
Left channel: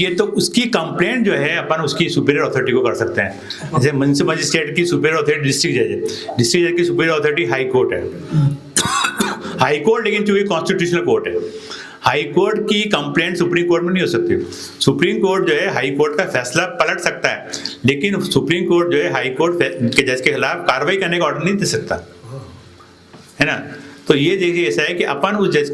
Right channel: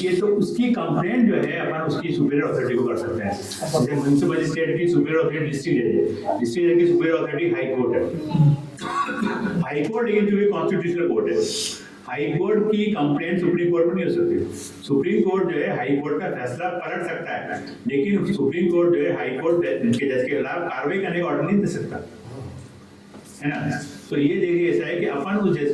है तो उसकी कंप्लेंट जो है अपन उसकी सुपीरियर अथॉरिटी को कर सकते हैं। जैसे म्युनिसिपल मजिस्ट्रेट की सुपीरियर अथॉरिटी डिस्ट्रिक्ट जज की सुपीरियर अथॉरिटी हाई कोर्ट है, हाई कोर्ट लेकिन चूंकि कॉन्स्टिट्यूशनल कोर्ट है, हाई कोर्ट की कंप्लेंट सुप्रीम कोर्ट में नहीं हो सकती। सुप्रीम कोर्ट जो है हाई कोर्ट का फैसला पलट सकता है, लेकिन सुप्रीम कोर्ट जो है हाई कोर्ट के जज के खिलाफ कार्रवाई करने का ऑर्डर नहीं दे सकता, है ना। तो ये देखिए ऐसा है कि अपन उस जज,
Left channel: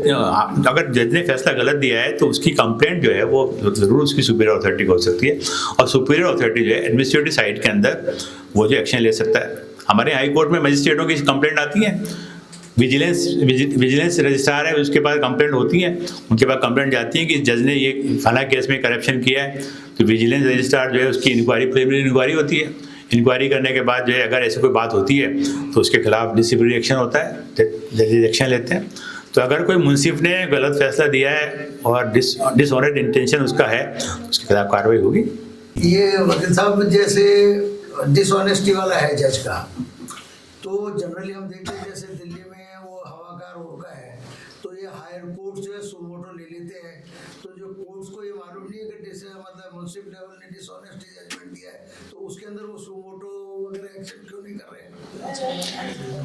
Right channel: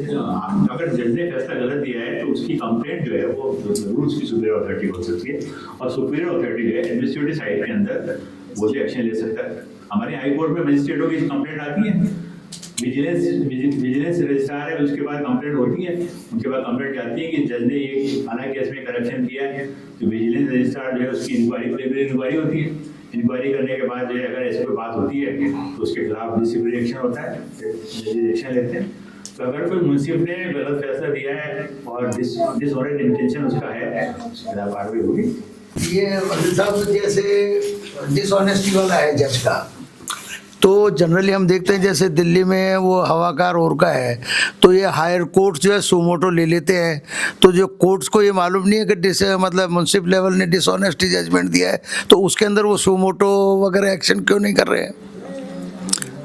अगर जज ने फैसला गलत दिया है तो उसकी कंप्लेंट जो है वो जरूर उसकी सुपीरियर अथॉरिटी को हो सकती है, और सुपीरियर अथॉरिटी जो है एडमिनिस्ट्रेटिव साइड के अंदर वो जो एक्शन ले सकता है। हमारे हाई कोर्ट में मजिस्ट्रेटों की कंप्लेंट आती है, विजिलेंस रजिस्ट्रार है उसके पास कंप्लेंट होती है, उनके पास कंप्लेंट जाती है कि जज ने ये फला केस में करप्शन किया है, तो विजिलेंस रजिस्ट्रार जो है उसकी प्रिलिमिनरी इंक्वायरी होती है। इंक्वायरी करने के बाद जो है अगर ऐसी कोई बात होती है तो उसके खिलाफ डिसिप्लिनरी एक्शन होता है, जजेस एक्शन लेते हैं। तो अगर कोई मुंसिफ ने गलत फैसला दिया है और डिसऑनेस्ट इंटेंशन उसका है, उसके खिलाफ कार्रवाई होगी। ये वकील साहब जैसे डिसऑनेस्टी वाला है जज का, तो जनरली हम देखते हैं जैसे दिल्ली में वो हवाकार और का है, तो ये हायर कोर्ट्स जो है सुमोटो ले लेते हैं, तो जो कोर्ट्स को ये मालूम नहीं है कि मतलब म्युनिसिपल लेवल ने डिसऑनेस्टी जजमेंट दिया है, तो उसके अंदर वो सुमोटो वगैरह एक्शन क्यों नहीं कर रहे हैं?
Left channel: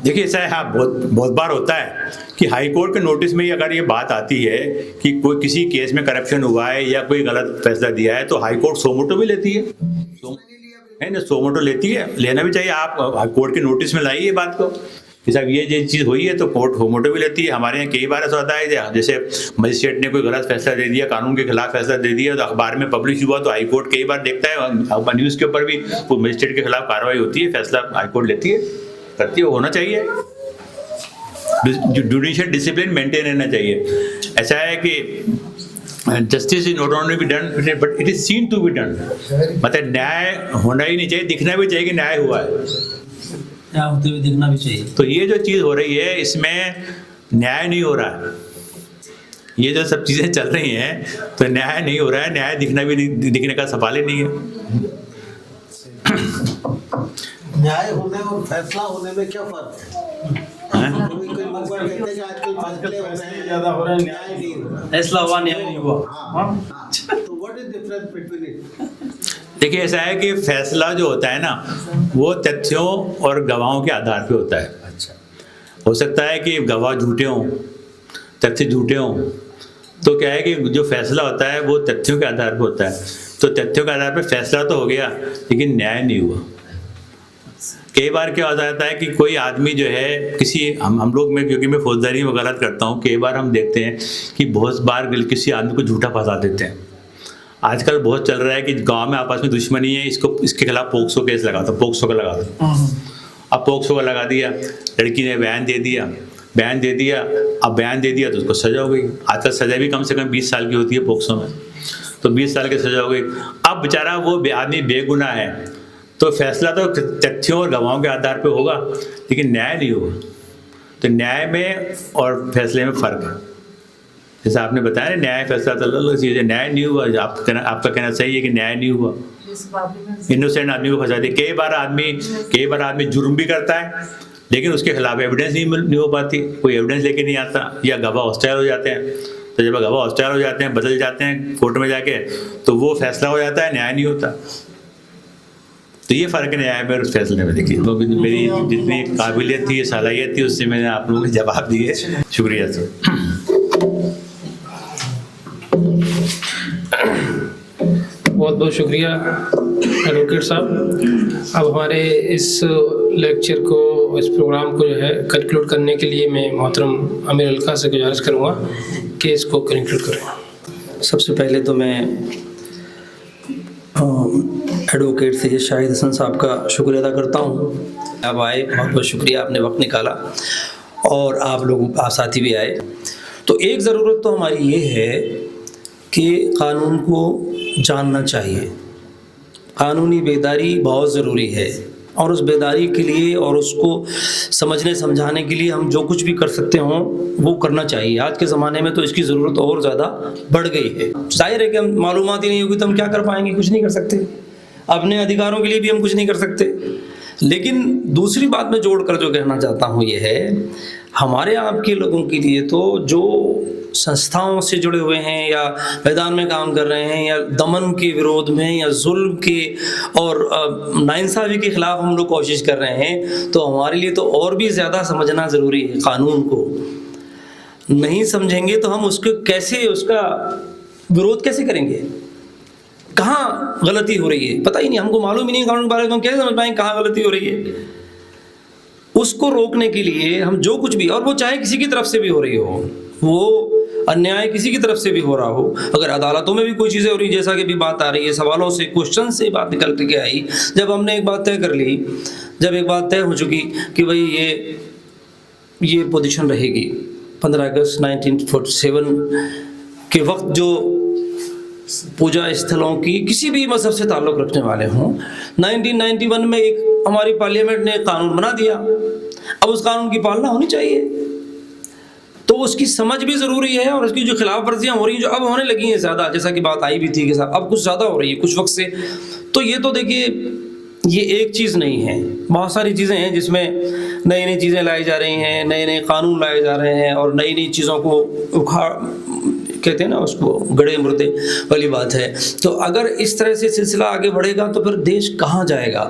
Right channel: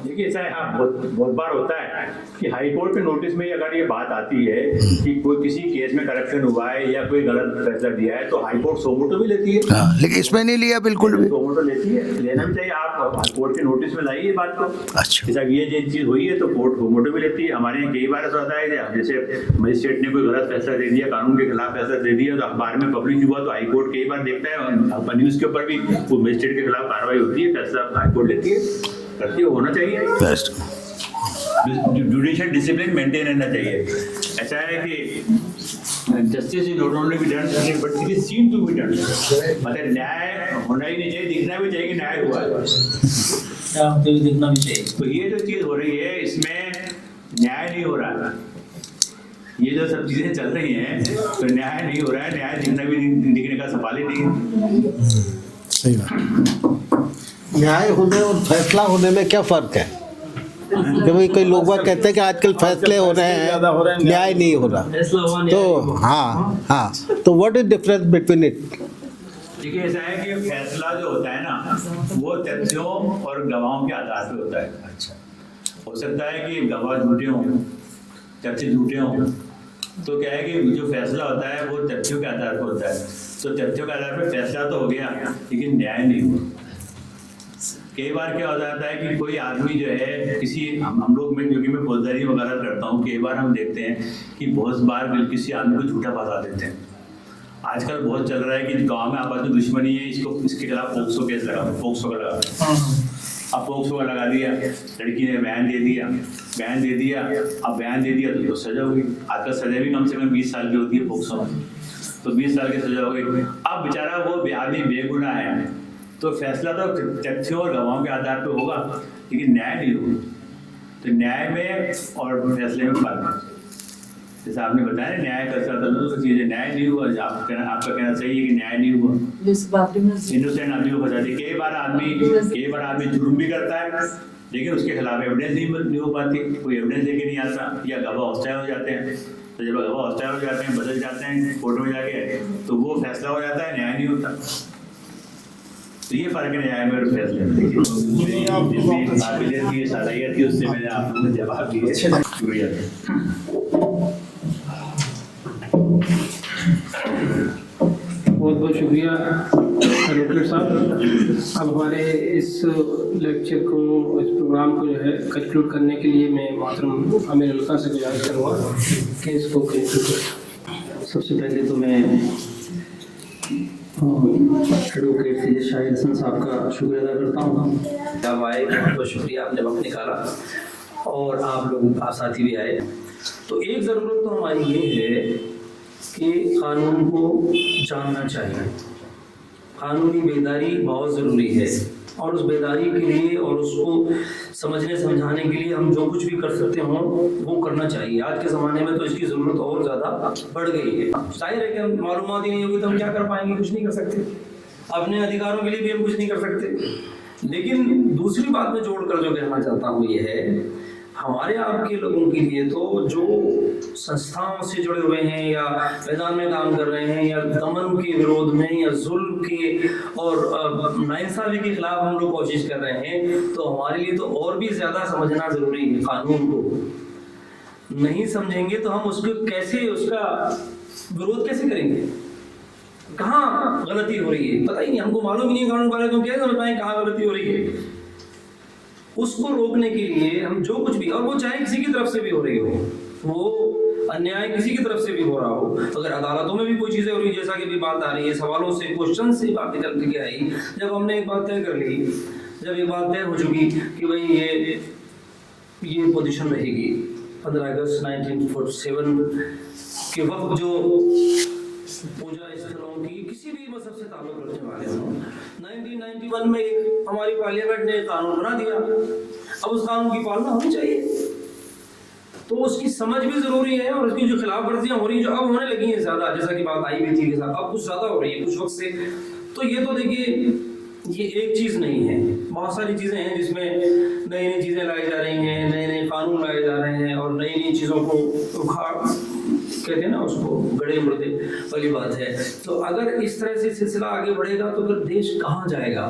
देखिए ऐसा है, हाँ बहुत बार होता है कि हाई कोर्ट के नोटिस में ही अगर ये बात आती है कि कोई किसी केस में करप्शन हुआ है या कोई गलत फैसला दिया है तो हाई कोर्ट सोमोटो भी लेती है। हाँ, लेकिन इसमें नहीं लिया बिल्कुल भी। सोमोटो लेती है, लेना भी चाहिए। आप हाई कोर्ट के नोटिस में लाइए बात को। अच्छा। कि साहब ये चीज़ हुई है तो कोर्ट सोमोटो भी लेती है। हमारे यहाँ कई बार ऐसा होता है जैसे मजिस्ट्रेट ने कोई गलत फैसला दे दिया, कानून के खिलाफ फैसला दे दिया, तो अखबार में पब्लिश हुआ तो हाई कोर्ट कई बार देखता है, न्यूज़ के ऊपर भी वो मजिस्ट्रेट के खिलाफ कार्रवाई होती है, फैसला हाई कोर्ट लेती है, करती है, होना चाहिए। बेस्ट। जुडिशियल डिसिप्लिन मेंटेन रहना चाहिए। ऐसा है कि justice is not only be done but it is seen to be done. मतलब न्याय होना ही नहीं चाहिए, दिखना भी चाहिए कि न्याय हुआ है, न्याय होते हुए दिखना भी चाहिए। तो ये जो चीज़ हो रही है इसमें न्याय नहीं हो रहा है। ये जो सब चीज़ें चल रही हैं तो न्याय नहीं हो रहा है, न्याय दिखना भी नहीं, दिखने का सवाल ही नहीं है। सही बात। न्याय होने और फैसला होने में क्या फर्क है? क्योंकि कोई लोग बाग कहते हैं कि आजकल फैसले हो रहे हैं, न्याय नहीं हो रहा। फैसला हुआ न्याय नहीं तो हुआ। हाँ, तो what is difference between it? देखिए ऐसा है कि फैसला जो होता है ना वो तथ्यों और गवाहों के आधार पे होता है। हो सकता है कि गवाह झूठे हों, तथ्य झूठे हों, तो क्या है कि जो फैसला होता है वो तथ्यों के आधार पर होता है। तो तथ्यों के आधार पर फैसला तो हो गया लेकिन न्याय नहीं हुआ। कई बार क्या हो जाता है कि कोई आदमी जो है किसी हम लोग में, क्योंकि मैं फौजदारी में गलत करता हूँ, कई बार हम देखते हैं कि बहुत बार किसी आदमी को झूठा फंसा देते हैं। आजकल बहुत चल रहा है कि गांव में आपस में दुश्मनी है, इसके खिलाफ पोक्सो केस लगा दो, पोक्सो का लगा दो। अब पोक्सो का लगा दिया, लड़की ने बयान दे दिया, अब बयान दे दिया तो उसको सजा हो गई। आजकल सजा भी कम से कम 20 साल की होती है पोक्सो में, तो 20 साल की सजा हो गई। अब बेचारा वो आदमी बेगुनाह है, तो फैसला तो तथ्यों और गवाहों के आधार पे होगा लेकिन न्याय नहीं होगा। तो न्याय में और फैसले में फ़र्क है। जैसे आपने बताया न्याय फैसला तो अलग चीज़ है, न्याय नहीं हुआ। आपका कहना सही है कि न्याय नहीं हुआ, इनोसेंट आदमी को फंसा दिया। कई बार आदमी जुर्म भी करता है लेकिन उसके खिलाफ एविडेंस नहीं हो पाती, कोई एविडेंस लेके नहीं आता, या गवाह हॉस्टाइल हो जाते हैं। तो जब गवाह हॉस्टाइल हो जाते हैं, बदल जाते हैं कोर्ट में जाके, तो वो फैसला हो जाता है, न्याय नहीं होता। तो ये फ़र्क है न्याय में और फैसले में। देखिए तो मेरी जितनी काबिलियत थी, सलाहियत थी, उससे मैंने आप लोगों को जवाब दिए। शुक्रिया सर। बहुत बहुत शुक्रिया एडवोकेट साहब। अब हमारे इस लेक्चर को, इस प्रोग्राम को जो है कंक्लूड करने के लिए मैं मोहतरम आमिर अलका से गुजारिश करूँगा कि इसको कंक्लूड करें। सबसे पहले तो मैं एडवोकेट सैयद शाहिद हसन साहब का शुक्रिया अदा करता हूँ। आप आए, बहुत बहुत शुक्रिया, आपने वक्त निकाला और आप लोग साथी भी आए। तो एक ज़रूरत तो हमारी ये है कि कानून को जानना चाहिए। कानूनी बेदारी बहुत ज़रूरी है और उस बेदारी के लिए और उसको समझने समझाने के लिए हम जो कुछ भी कर सकते हों वो करना चाहिए। आज के ज़माने में तो इसकी ज़रूरत और ज़्यादा बढ़ गई है। जाहिर है कि हम मालूमात ही नहीं होगी तो हम क्या कर पाएंगे, कुछ नहीं कर सकते। अपने अधिकारों के लिए भी हम कुछ नहीं कर सकते। लेकिन दूसरी बात मैं जोड़ कर जो कहना चाहता हूँ ये है, हमारे आपके लोगों के लिए तो जो संस्थाओं से जुड़े हुए हैं या मैदान में काम कर रहे हैं या दमन के विरोध में या जुल्म के और नाइंसाफ़ी के खिलाफ हम लोग कोशिश कर रहे हैं, तो हमारे लिए तो और भी ज़्यादा समझना ज़रूरी है। कानून को नहीं समझेंगे तो हम उसको कैसे, उसका विरोध कैसे करेंगे? कहाँ गलती हो रही है पता ही नहीं, हमको मालूम ही नहीं कानून के बारे में, हम कैसे समझ पाएंगे कहाँ गलती हो रही है? उसको रोकने के लिए हम जो कुछ भी, और वो चाहे किसी की तरफ से भी हो रही हो, वो अन्याय किसी की तरफ से भी हो रहा हो, अगर अदालतों में भी कोई चीज़ें हो रही, जैसा कि अभी बात आ रही है, सवालों से, क्वेश्चन से बात निकल के आई, जब हमने एक बात तय कर ली, जब एक बात तय हो चुकी कि भाई ये पोजीशन रहेगी 15 अगस्त 1947 के वक्त जो पूजा स्थलों की किसी भी मजहब से ताल्लुक़ रखने वाले हों, 1991 में एक हमारी पार्लियामेंट ने कानून बना दिया। अब उस कानून की पालना होनी चाहिए, तो उसकी समझ भी ज़रूरी है। और उसकी जो खिलाफ वर्जियाँ हो रही हैं, जो अब होने लगी हैं ज़्यादा, जैसा कि बात आई भी थी कि साहब अब कुछ ज़्यादा हो रही है कुछ वक्त से, तो ये तो देखिए ये एक चीज़ नहीं है, बहुत सारी चीज़ें हैं जिसमें नई नई चीज़ें लाई जा रही हैं, नए नए कानून लाए जा रहे हैं और नई नई चीज़ों को उखाड़, कहते हैं ना उसको, गड़े मुर्दे वाली बात है। तो अगर इस तरह से सिलसिला आगे बढ़ेगा तो फिर देश कहाँ जाएगा?